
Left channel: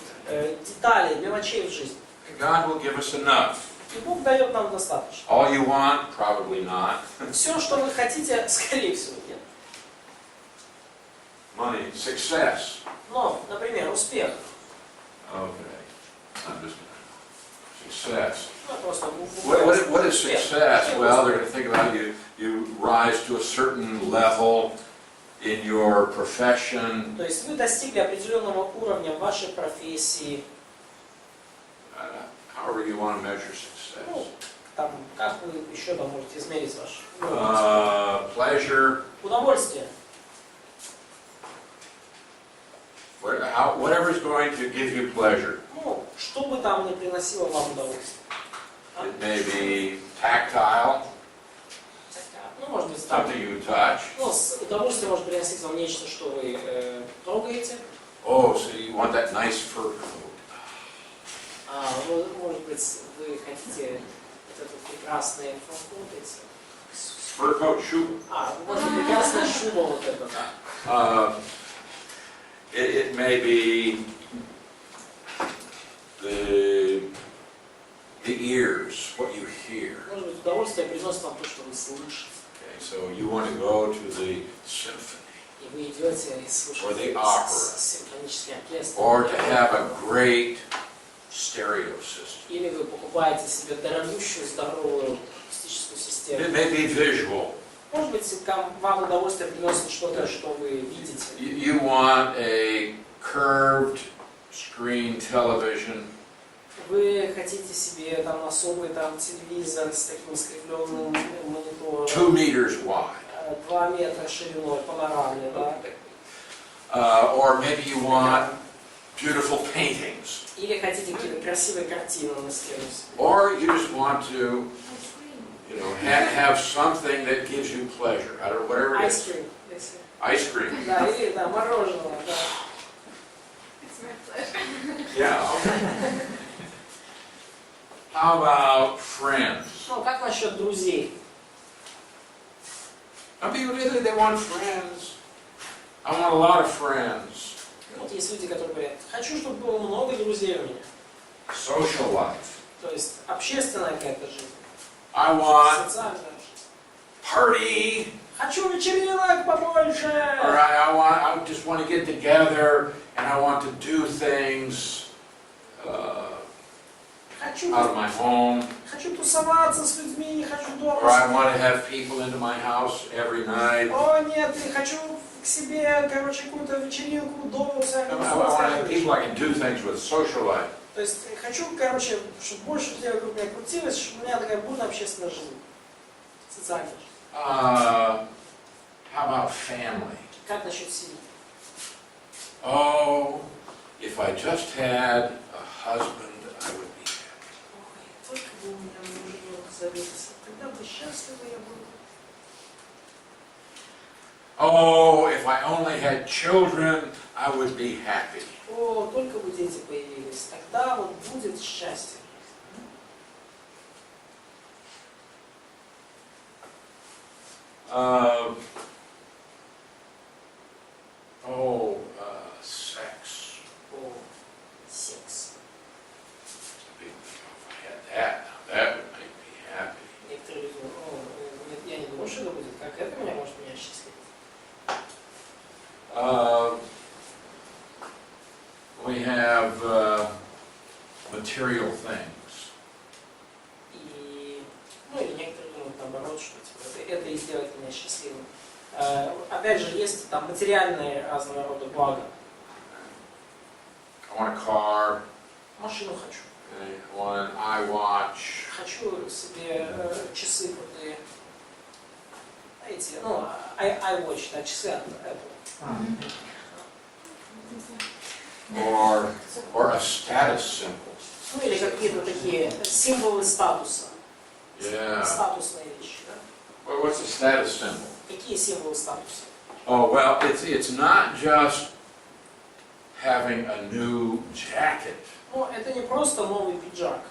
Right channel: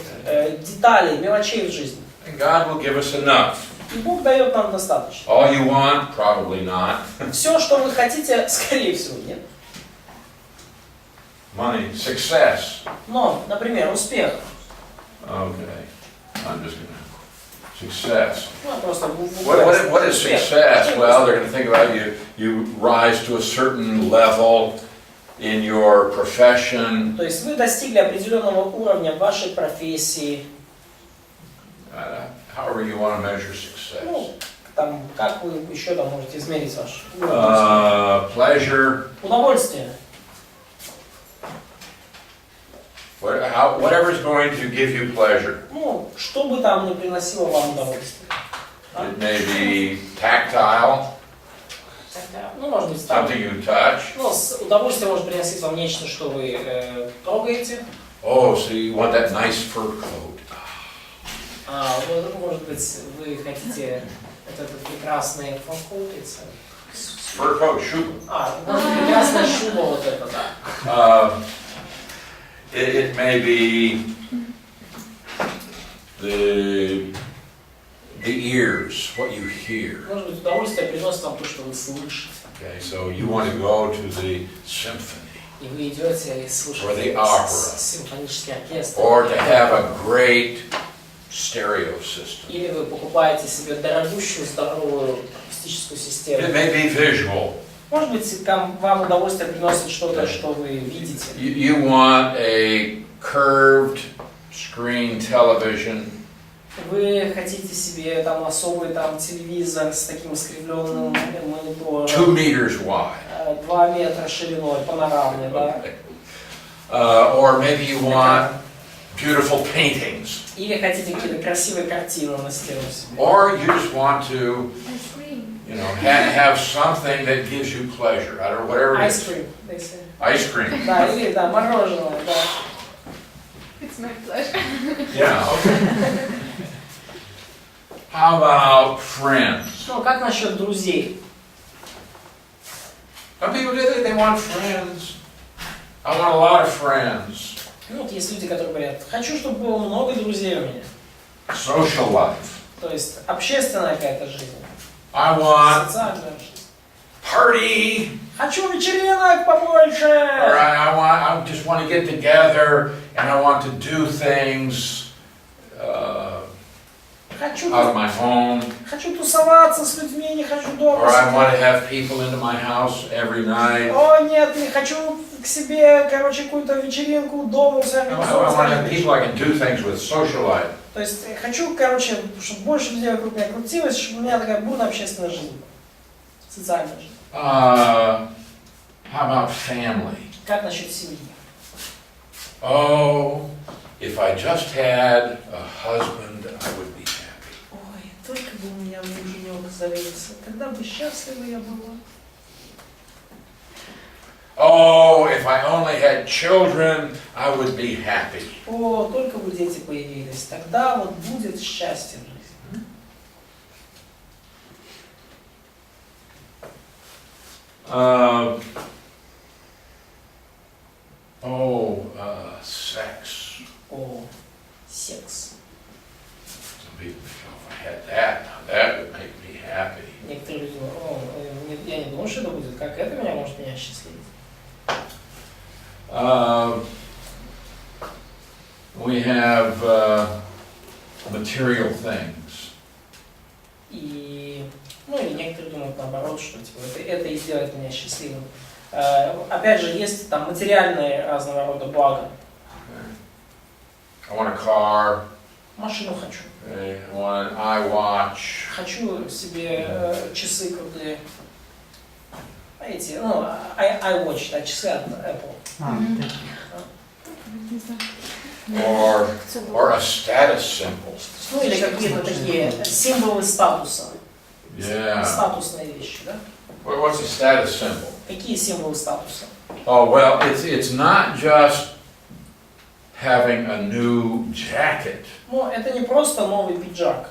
деталей, мелочей в жизни. And God will give us enough. И Бог дает нам достаточно. All you want? Probably not. Все, что вы хотите, скорее всего, нет. Money, success. Но, например, успех. Okay, I'm just gonna, success. Ну, просто What is success? Well, they're going to think about you rise to a certain level in your profession. То есть вы достигли определенного уровня в вашей профессии. However you want to measure success. Ну, там, как вы еще там можете измерить ваш уровень? Pleasure. Удовольствие. Whatever is going to give you pleasure. Ну, что бы там ни приносило вам удовольствие. It may be tactile, Ну, может быть, там, something you touch. ну, удовольствие может приносить вам нечто, что вы трогаете. Oh, so you want that nice fur coat. Может быть, вы хотите этот прекрасный фонкоут. Fur coat, shoe. Может быть, прекрасная шуба вот эта, да. It may be the ears, what you hear. Может быть, удовольствие приносит вам то, что вы слышите. Okay, so you want to go to the symphony, И вы идете и Or слушаете the opera. симфонический оркестр. or to have a great stereo system. Или вы покупаете себе дорогущую, здоровую акустическую It систему. may be visual. Может быть, вам удовольствие приносит что-то, что вы видите. You want a curved screen television. Вы хотите себе там особый там телевизор с таким искривленным монитором, 2 meters wide. 2 метра шириной, панорамный, да? Or maybe you want beautiful paintings. Или хотите какие-то красивые картины на стену себе. Or you just want to, have something that gives you pleasure. I don't know, whatever it Ice is. cream, they say. Ice cream. Да, или да, мороженое, да. It's my pleasure. Yeah, okay. How about friends? Ну, как насчет друзей? Some people they want friends. I want a lot of friends. Ну, вот есть люди, которые говорят, хочу, чтобы было много друзей у меня. Social life. То есть общественная какая-то жизнь. I want Социальная жизнь. party. Хочу вечеринок побольше! Or I just want to get together and I want to do things Хочу, out of my home. хочу тусоваться с людьми, не хочу дома Or I want to сидеть. have people into my house every night. О, нет, не хочу к себе, короче, какую-то вечеринку дома, I want to have people I can do things with, social life. То есть хочу, короче, чтобы больше людей вокруг меня крутилось, чтобы у меня такая бурная общественная жизнь. Социальная жизнь. How about family? Как насчет семьи? Oh, if I just had a husband, I would be happy. Ой, только бы у меня муженек завелся, тогда бы счастлива я была. Oh, if I only had children, I would be happy. О, только бы дети появились, тогда вот будет счастье. Sex. О, секс. Some people say, oh, if I had that, now that would make me happy. Некоторые люди думают, о, я не думаю, что это будет, как это меня может меня счастливить. We have material things. И, ну или некоторые думают наоборот, что типа, это и сделает меня счастливым. Опять же, есть там материальные разного рода блага. I want a car. Машину хочу. I want an iWatch. Хочу себе часы крутые. Эти, ну, iWatch, да, часы от Apple. Or a status symbol. Ну или какие-то такие символы статуса. Yeah. Статусные вещи, да? What's a status symbol? Какие символы статуса? Oh, well, it's not just having a new jacket. Ну, это не просто новый пиджак.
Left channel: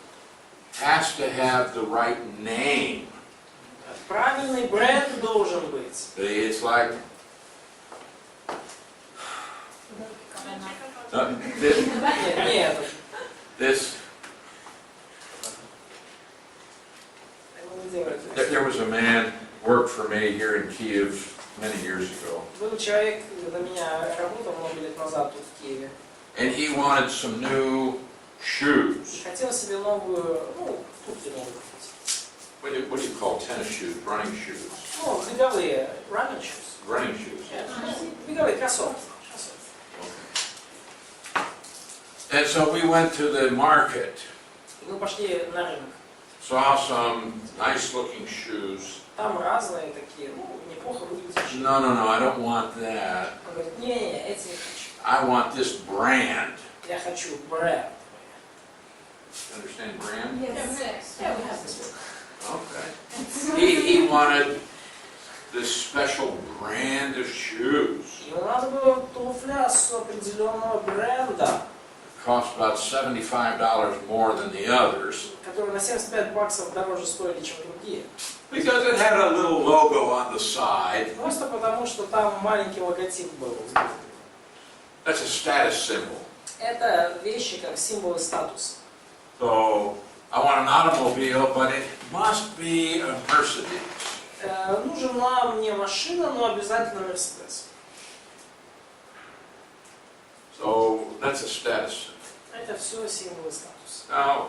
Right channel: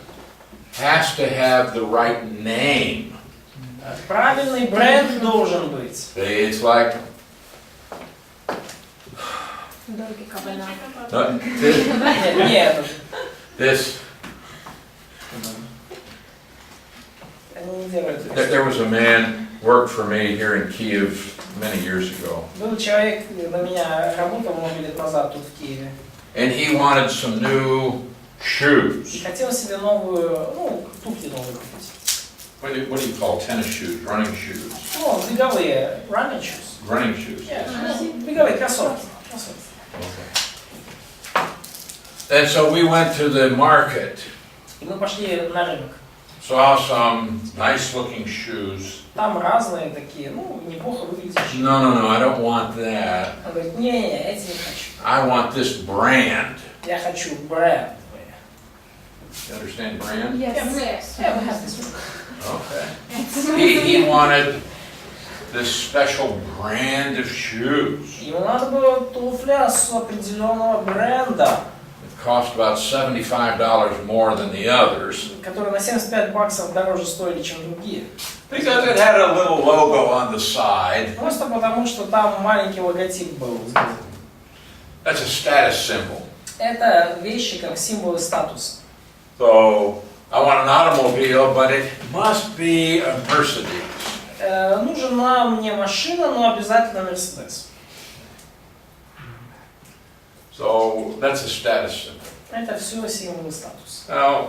Has to have the right name. Правильный бренд должен быть. It's like no, Нет, this. они не делают There это. was a man worked for me here in Kiev many years ago, Был человек, на меня работал много лет назад тут в Киеве. and he wanted some new И shoes. хотел себе новую, ну, туфли новые купить. What do you call tennis shoes? Running shoes. Ну, беговые, running shoes. Running shoes. Ну, беговые кроссовки. Okay. And so we went to the market, И мы пошли на рынок. saw some nice-looking shoes. Там разные такие, ну, неплохо выглядящие. No, I don't want that. Он говорит, не, эти не хочу. I want this brand. Я хочу бренд. You understand brand? Yes. Yeah, we have this book. Okay. He wanted this special brand of shoes. Ему надо было туфля с определенного бренда, It cost about $75 more than the others которые на 75 баксов дороже стоили, чем другие. because it had a little logo on the side. Просто потому, что там маленький логотип был. That's a status symbol. Это вещи как символы статуса. So I want an automobile, but it must be a Mercedes. Нужна мне машина, но обязательно Мерседес. So that's a status symbol. Это все символы статуса. Now,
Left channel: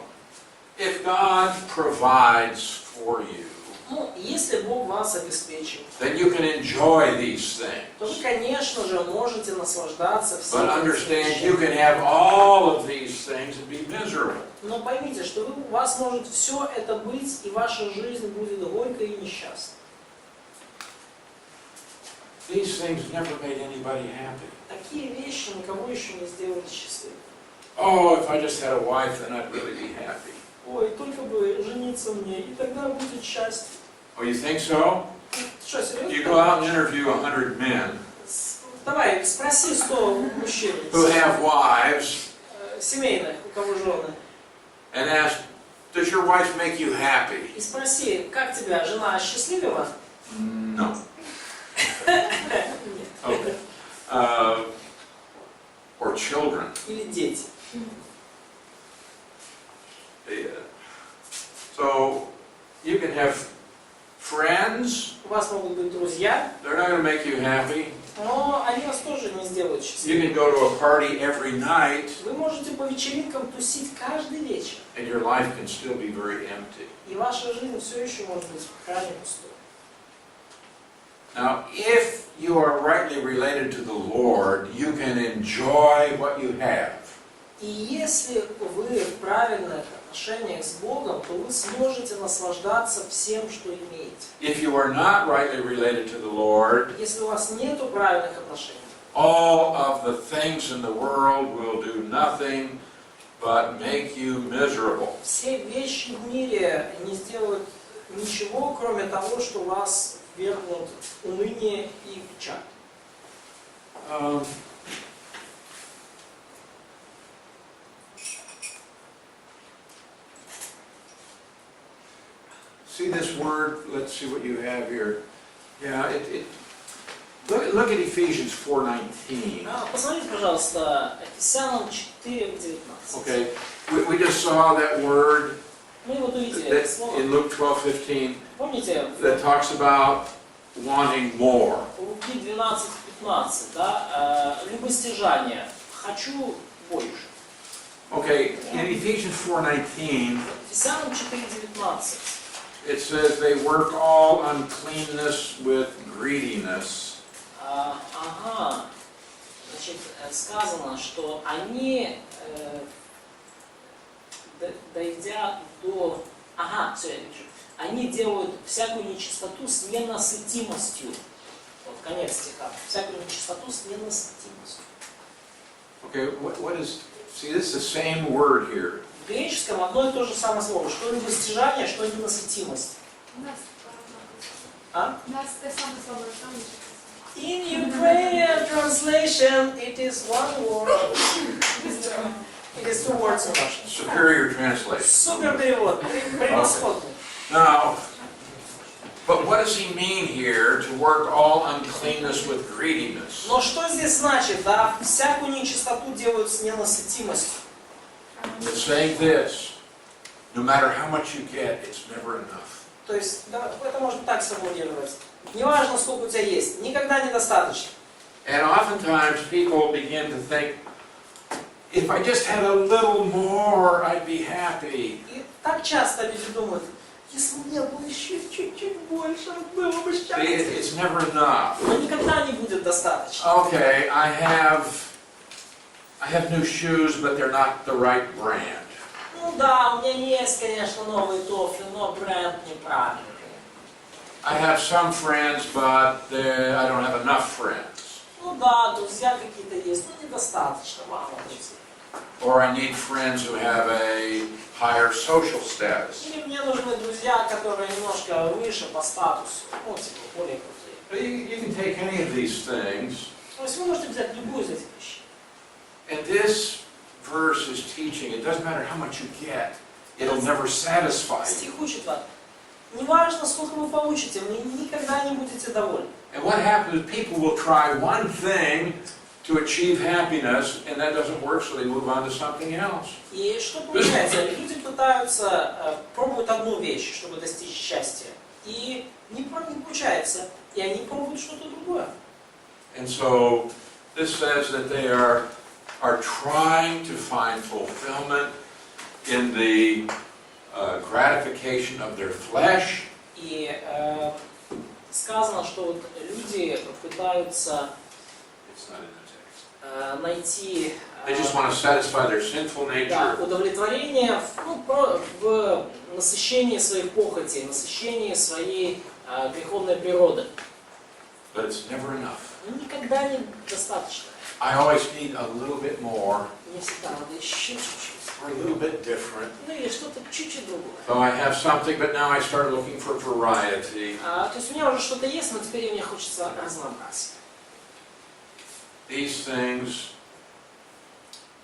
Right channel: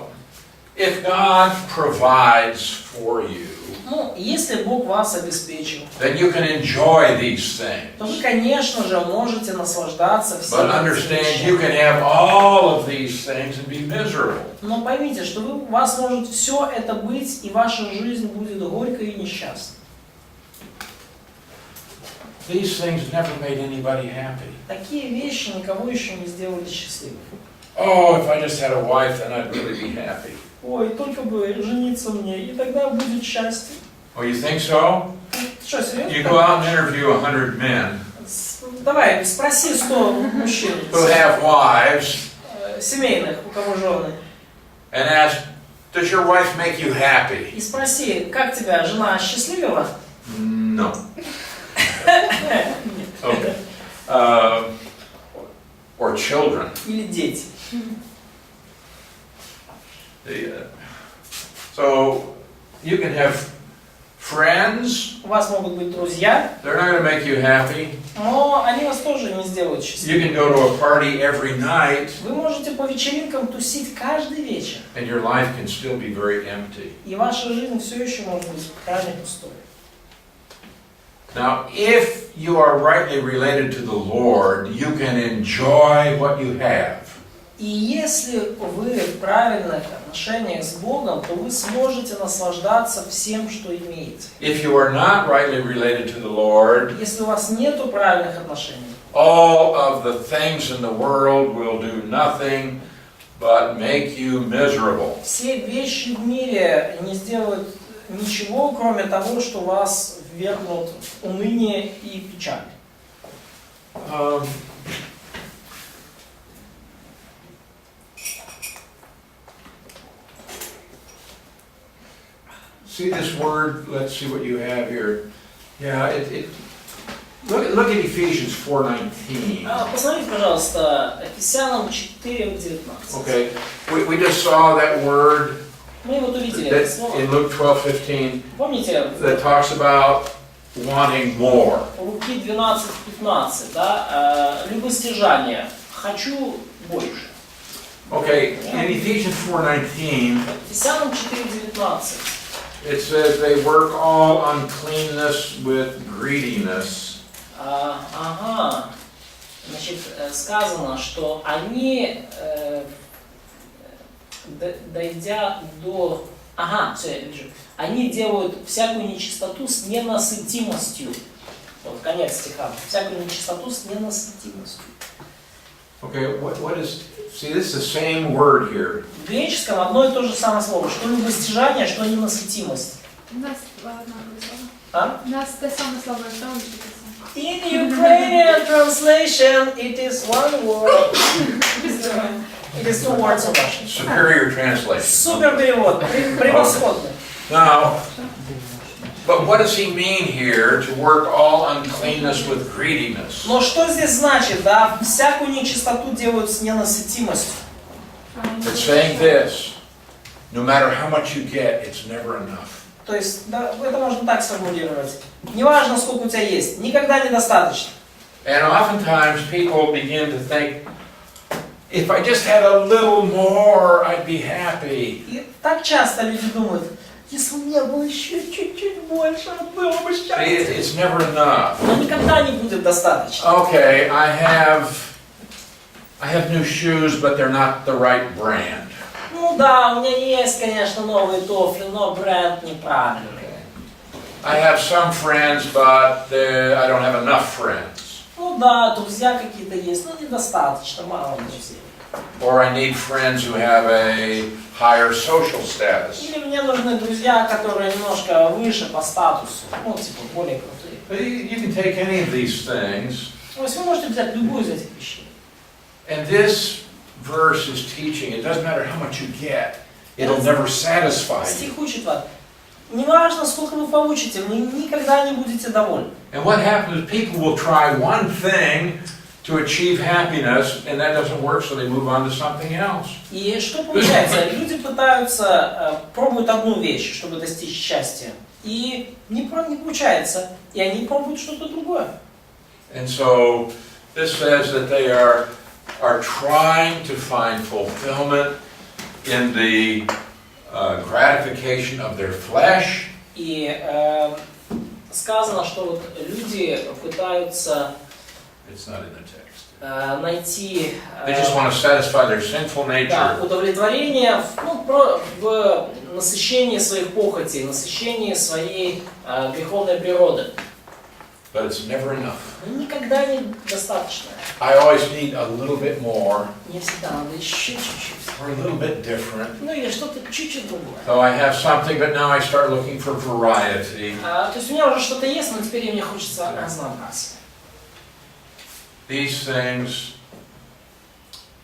if God provides for you, Ну, если Бог вас обеспечил, then you can enjoy these things. то вы, конечно же, можете наслаждаться всеми But этими understand, вещами. you can have all of these things and be miserable. Но поймите, что у вас может все это быть, и ваша жизнь будет горькой и несчастной. These things never made anybody happy. Такие вещи никого еще не сделали счастливым. Oh, if I just had a wife, then I'd really be happy. Ой, только бы жениться мне, и тогда будет счастье. Oh, you think so? Что, You серьезно? go out and interview 100 men Давай, спроси 100 мужчин, who have wives семейных, у кого жены, and ask, does your wife make you happy? и спроси, как тебя жена счастливила? No. Okay. Or children. Или дети? So you can have friends, У вас могут быть друзья, they're not going to make you happy. но они вас тоже не сделают You счастливыми. can go to a party every night Вы можете по вечеринкам тусить каждый вечер, and your life can still be very empty. и ваша жизнь все еще может быть крайне пустой. Now, if you are rightly related to the Lord, you can enjoy what you have. И если вы в правильных отношениях с Богом, то вы сможете наслаждаться всем, что имеете. If you are not rightly related to the Lord, Если у вас нету правильных отношений, all of the things in the world will do nothing but make you miserable. все вещи в мире не сделают ничего, кроме того, что вас ввергнут в уныние и печаль. See this word? Let's see what you have here. Yeah, look at Ephesians 4:19. Посмотрите, пожалуйста, Ефесянам 4:19. Okay, we just saw that word Мы вот увидели that это слово. in Luke 12:15 Помните, that talks about wanting more. в Луки 12:15, да, любостяжание, хочу больше. Okay, in Ephesians 4:19, Ефесянам 4:19. it says they work all uncleanness with greediness. Значит, сказано, что они, дойдя до... все, я вижу. Они делают всякую нечистоту с ненасытимостью. Вот конец стиха. Всякую нечистоту с ненасытимостью. Okay, what is... See, this is the same word here. В греческом одно и то же самое слово. Что любостяжание, что ненасытимость. А? In Ukrainian translation, it is one word. It is two words in Russian. Superior translation. Супер перевод, превосходный. Now, but what does he mean here to work all uncleanness with greediness? Но что здесь значит, да? Всякую нечистоту делают с ненасытимостью. It's saying this, no matter how much you get, it's never enough. То есть, да, это можно так сформулировать. Неважно, сколько у тебя есть, никогда недостаточно. And oftentimes people begin to think, if I just had a little more, I'd be happy. И так часто люди думают, если у меня было еще чуть-чуть больше, было бы See, счастье. it's never enough. Но никогда не будет достаточно. Okay, I have new shoes, but they're not the right brand. Ну да, у меня есть, конечно, новые туфли, но бренд неправильный. I have some friends, but I don't have enough friends. Ну да, друзья какие-то есть, но недостаточно, мало друзей. Or I need friends who have a higher social status. Или мне нужны друзья, которые немножко выше по статусу, ну, типа, более крутые. But you can take any of these things. То есть вы можете взять любую из этих вещей. And this verse is teaching, it doesn't matter how much you get, it'll never satisfy you. Стих учит вас. Неважно, сколько вы получите, вы никогда не будете довольны. And what happens is people will try one thing to achieve happiness, and that doesn't work, so they move on to something else. И что получается? Люди пытаются, пробуют одну вещь, чтобы достичь счастья, и не получается, и они пробуют что-то другое. And so this says that they are trying to find fulfillment in the gratification of their flesh. И сказано, что вот люди пытаются It's not in the text. найти They just want to satisfy their sinful да, nature. удовлетворение в насыщении своих похотей, насыщении своей греховной природы. But it's never enough. Но никогда не достаточно. I always need a little bit more, Мне всегда надо еще чуть-чуть. or a little bit different. Ну или что-то чуть-чуть другое. So I have something, but now I start looking for variety. То есть у меня уже что-то есть, но теперь мне хочется разнообразия. These things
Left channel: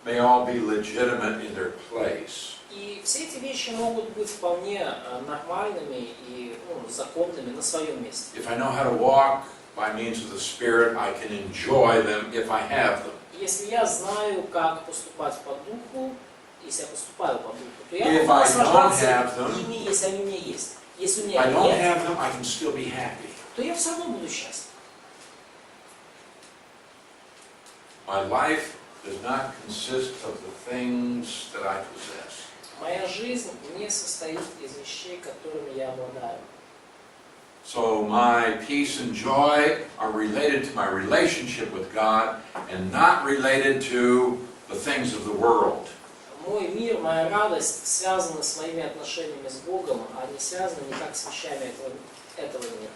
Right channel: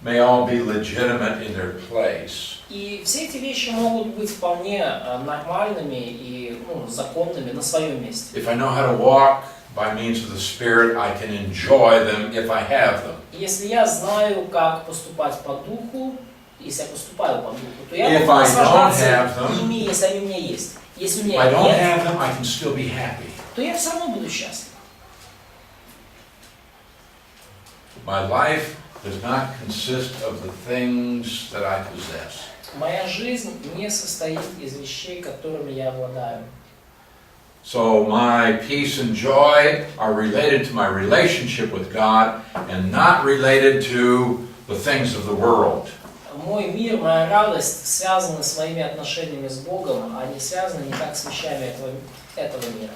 may all be legitimate in their place. И все эти вещи могут быть вполне нормальными и законными на своем месте. If I know how to walk by means of the Spirit, I can enjoy them if I have them. Если я знаю, как поступать по духу, если я поступаю по духу, то я If могу I don't наслаждаться have them, ими, если они у меня есть. Если у If меня I их don't нет, have them, I can still be happy. то я все равно буду счастлив. My life does not consist of the things that I possess. Моя жизнь не состоит из вещей, которыми я обладаю. So my peace and joy are related to my relationship with God and not related to the things of the world. Мой мир, моя радость связаны с моими отношениями с Богом, а не связаны никак с вещами этого мира.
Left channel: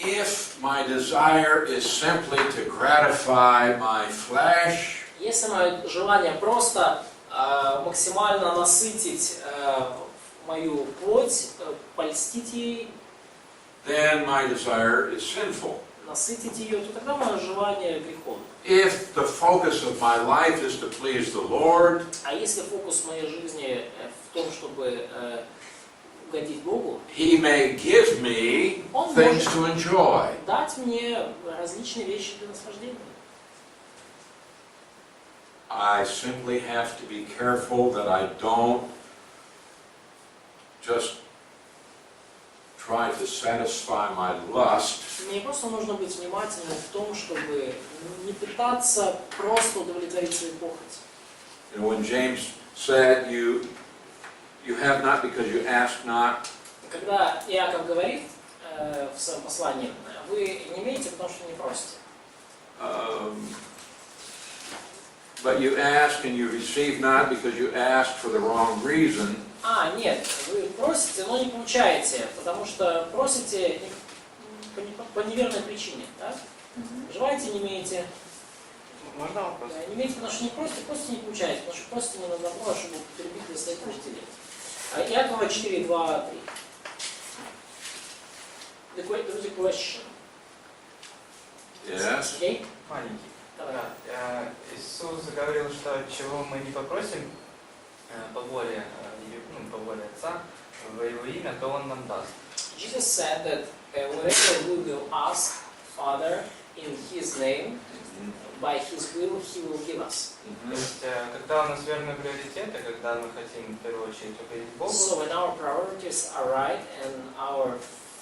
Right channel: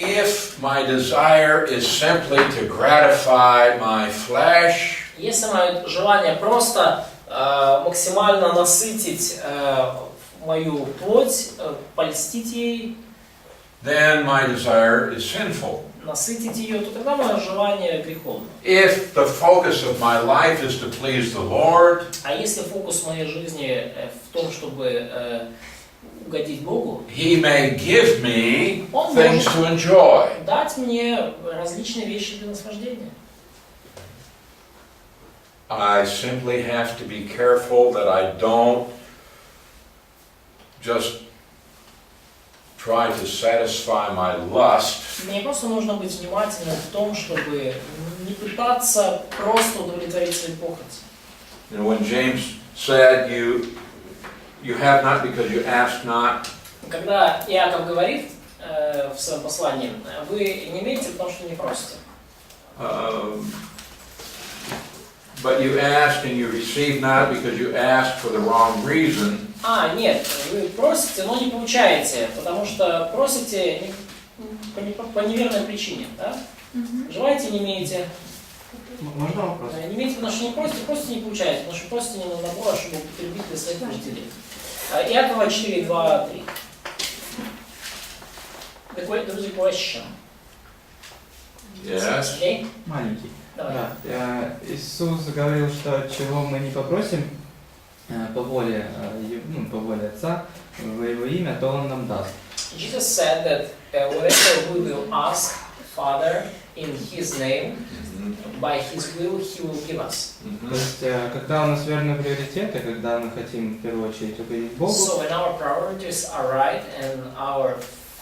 If my desire is simply to gratify my flesh, Если мое желание просто максимально насытить мою плоть, польстить ей, then my desire is sinful. насытить ее, то тогда мое желание греховно. If the focus of my life is to please the Lord, А если фокус моей жизни в том, чтобы угодить Богу, He may give me Он things может to enjoy. дать мне различные вещи для наслаждения. I simply have to be careful that I don't just try to satisfy my lust, Мне просто нужно быть внимательным в том, чтобы не пытаться просто удовлетворить свои похоти. You know, when James said, you have not because you ask not, Когда Иаков говорит в своем послании, вы не имеете, потому что не просите. but you ask and you receive not because you ask for the wrong reason, Нет, вы просите, но не получаете, потому что просите по неверной причине, да? Желаете, не имеете. Можно вопрос? Не имеете, потому что не просите, просите, не получаете, потому что просите не на добро, а чтобы употребить для своих нужделей. Иакова 4, 2, 3. There's a question. yes, Okay? Маленький. Давай. Да. Иисус говорил, что чего мы не попросим по воле Отца, во Его имя, то Он нам даст. Jesus said that whatever we will ask Father in His name, by His will, He will give us. То есть, когда у нас верные приоритеты, когда мы хотим в первую очередь угодить Богу, So when our priorities are right and our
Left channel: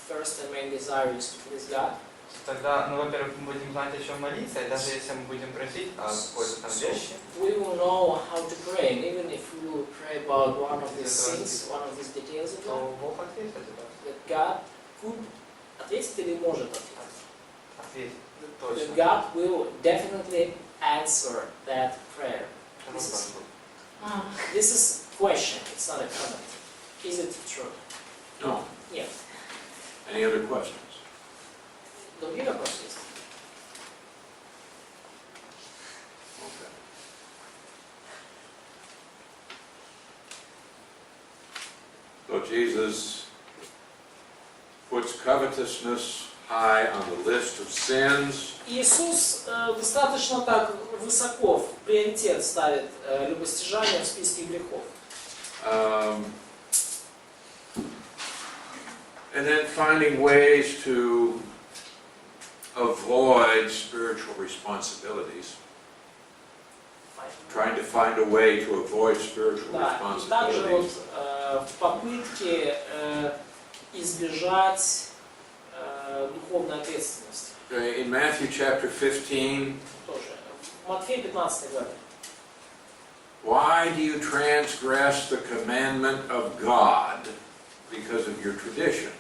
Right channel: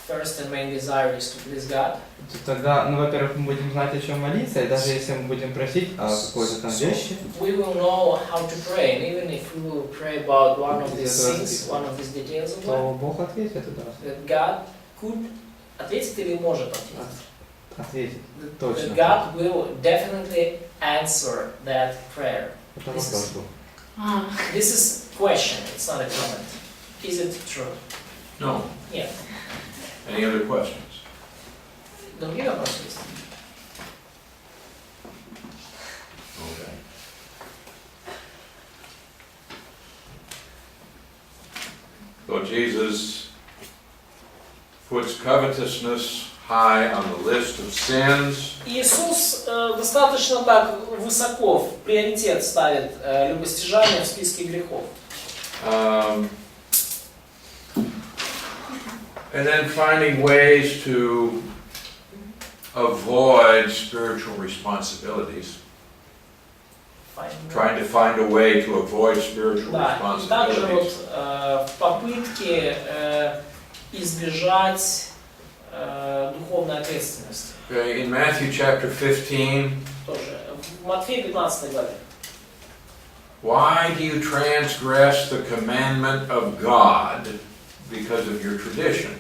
first and main desire is to please God, то тогда, во-первых, мы будем знать, о чем молиться, и даже если мы будем просить о какой-то там вещи, we will know how to pray, and even if we will pray about one of these things, one of these details of то life, Бог ответит это раз. that God could ответить или может ответить. Ответит. That Точно. God will definitely answer that prayer. Это This вопрос is- был. This is question, it's not a comment. Is it true? no. Нет. Any other questions? Другие вопросы есть? So Jesus puts covetousness high on the list of sins. Иисус достаточно так высоко в приоритет ставит любостяжание в списке грехов. And then finding ways to avoid spiritual responsibilities. Trying to find a way to avoid spiritual Да, и также вот responsibilities. в попытке избежать духовной ответственности. Okay, in Matthew chapter 15, Тоже. В Матфея 15 главе. why do you transgress the commandment of God because of your tradition?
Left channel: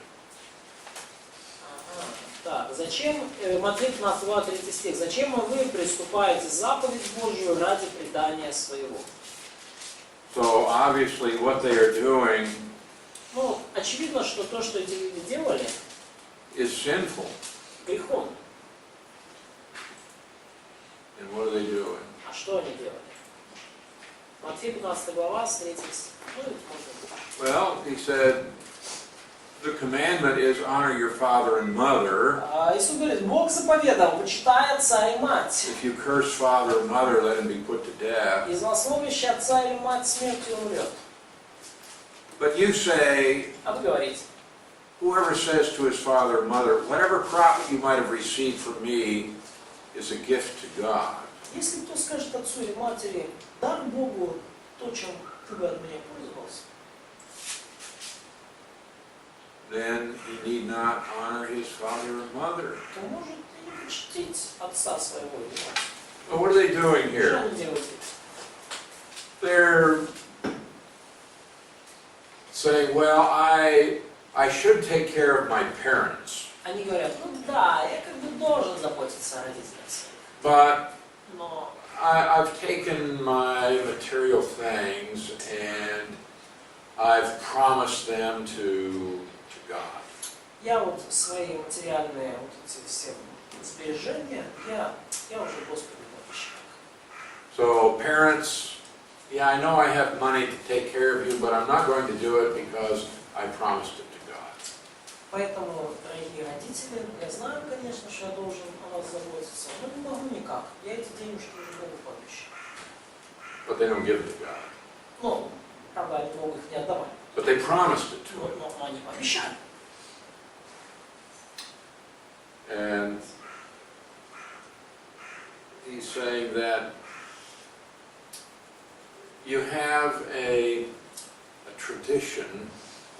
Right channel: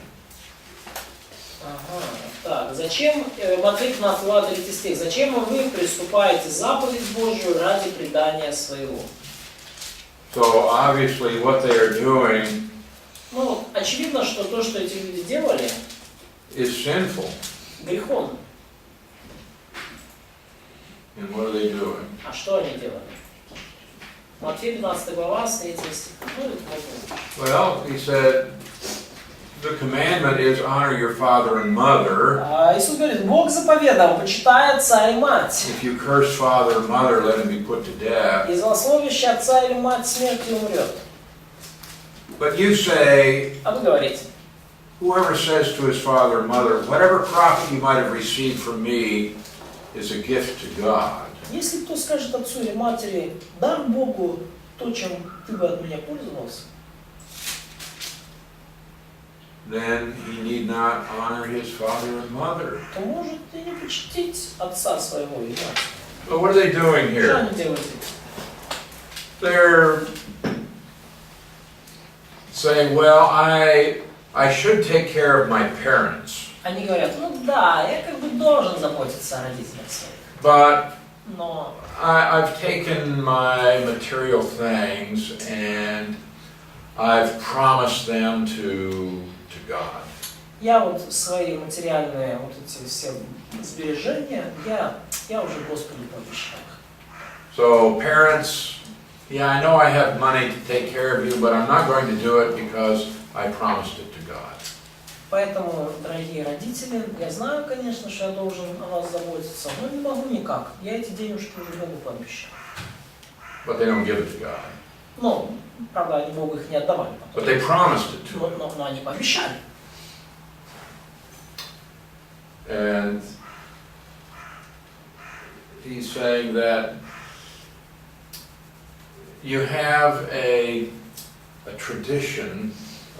Ага. Так, зачем, Матфея 15 глава 3 стих, зачем вы приступаете заповедь Божью ради предания своего? So obviously what they are doing Ну, очевидно, что то, что эти люди делали, is sinful. греховно. And what are they doing? А что они делали? Матфея 15 глава, с 3 стих. Ну, это можно. Well, he said, the commandment is honor your father and mother. Иисус говорит, Бог заповедал, почитай отца и мать. If you curse father or mother, let him be put to death. И злословящий отца или мать смертью умрет. But you say, А вы говорите, whoever says to his father or mother, whatever profit you might have received from me is a gift to God. если кто скажет отцу или матери, дай Богу то, чем ты бы от меня пользовался, Then he need not honor his father and mother. то может и не почтить отца своего или мать. But what are they doing Что here? они делают? They're saying, well, I should take care of my parents, Они говорят, ну да, я как бы должен заботиться о родителях своих. but Но I've taken my material things and I've promised them to God. я вот свои материальные вот эти все сбережения, я уже Господу пообещал. So parents, yeah, I know I have money to take care of you, but I'm not going to do it because I promised it to God. Поэтому, дорогие родители, я знаю, конечно, что я должен о вас заботиться, но не могу никак. Я эти денежки уже Богу пообещал. But they don't give it to God. Ну, правда, они Богу их не отдавали. But they promised it to Him. Но они пообещали. And he's saying that you have a tradition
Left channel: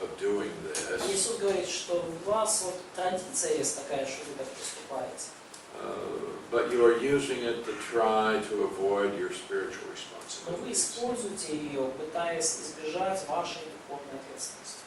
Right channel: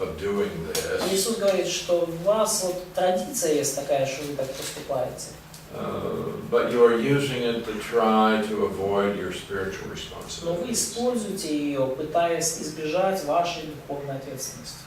of doing this, Иисус говорит, что у вас вот традиция есть такая, что вы так поступаете. but you're using it to try to avoid your spiritual Но вы responsibilities. используете ее, пытаясь избежать вашей духовной ответственности.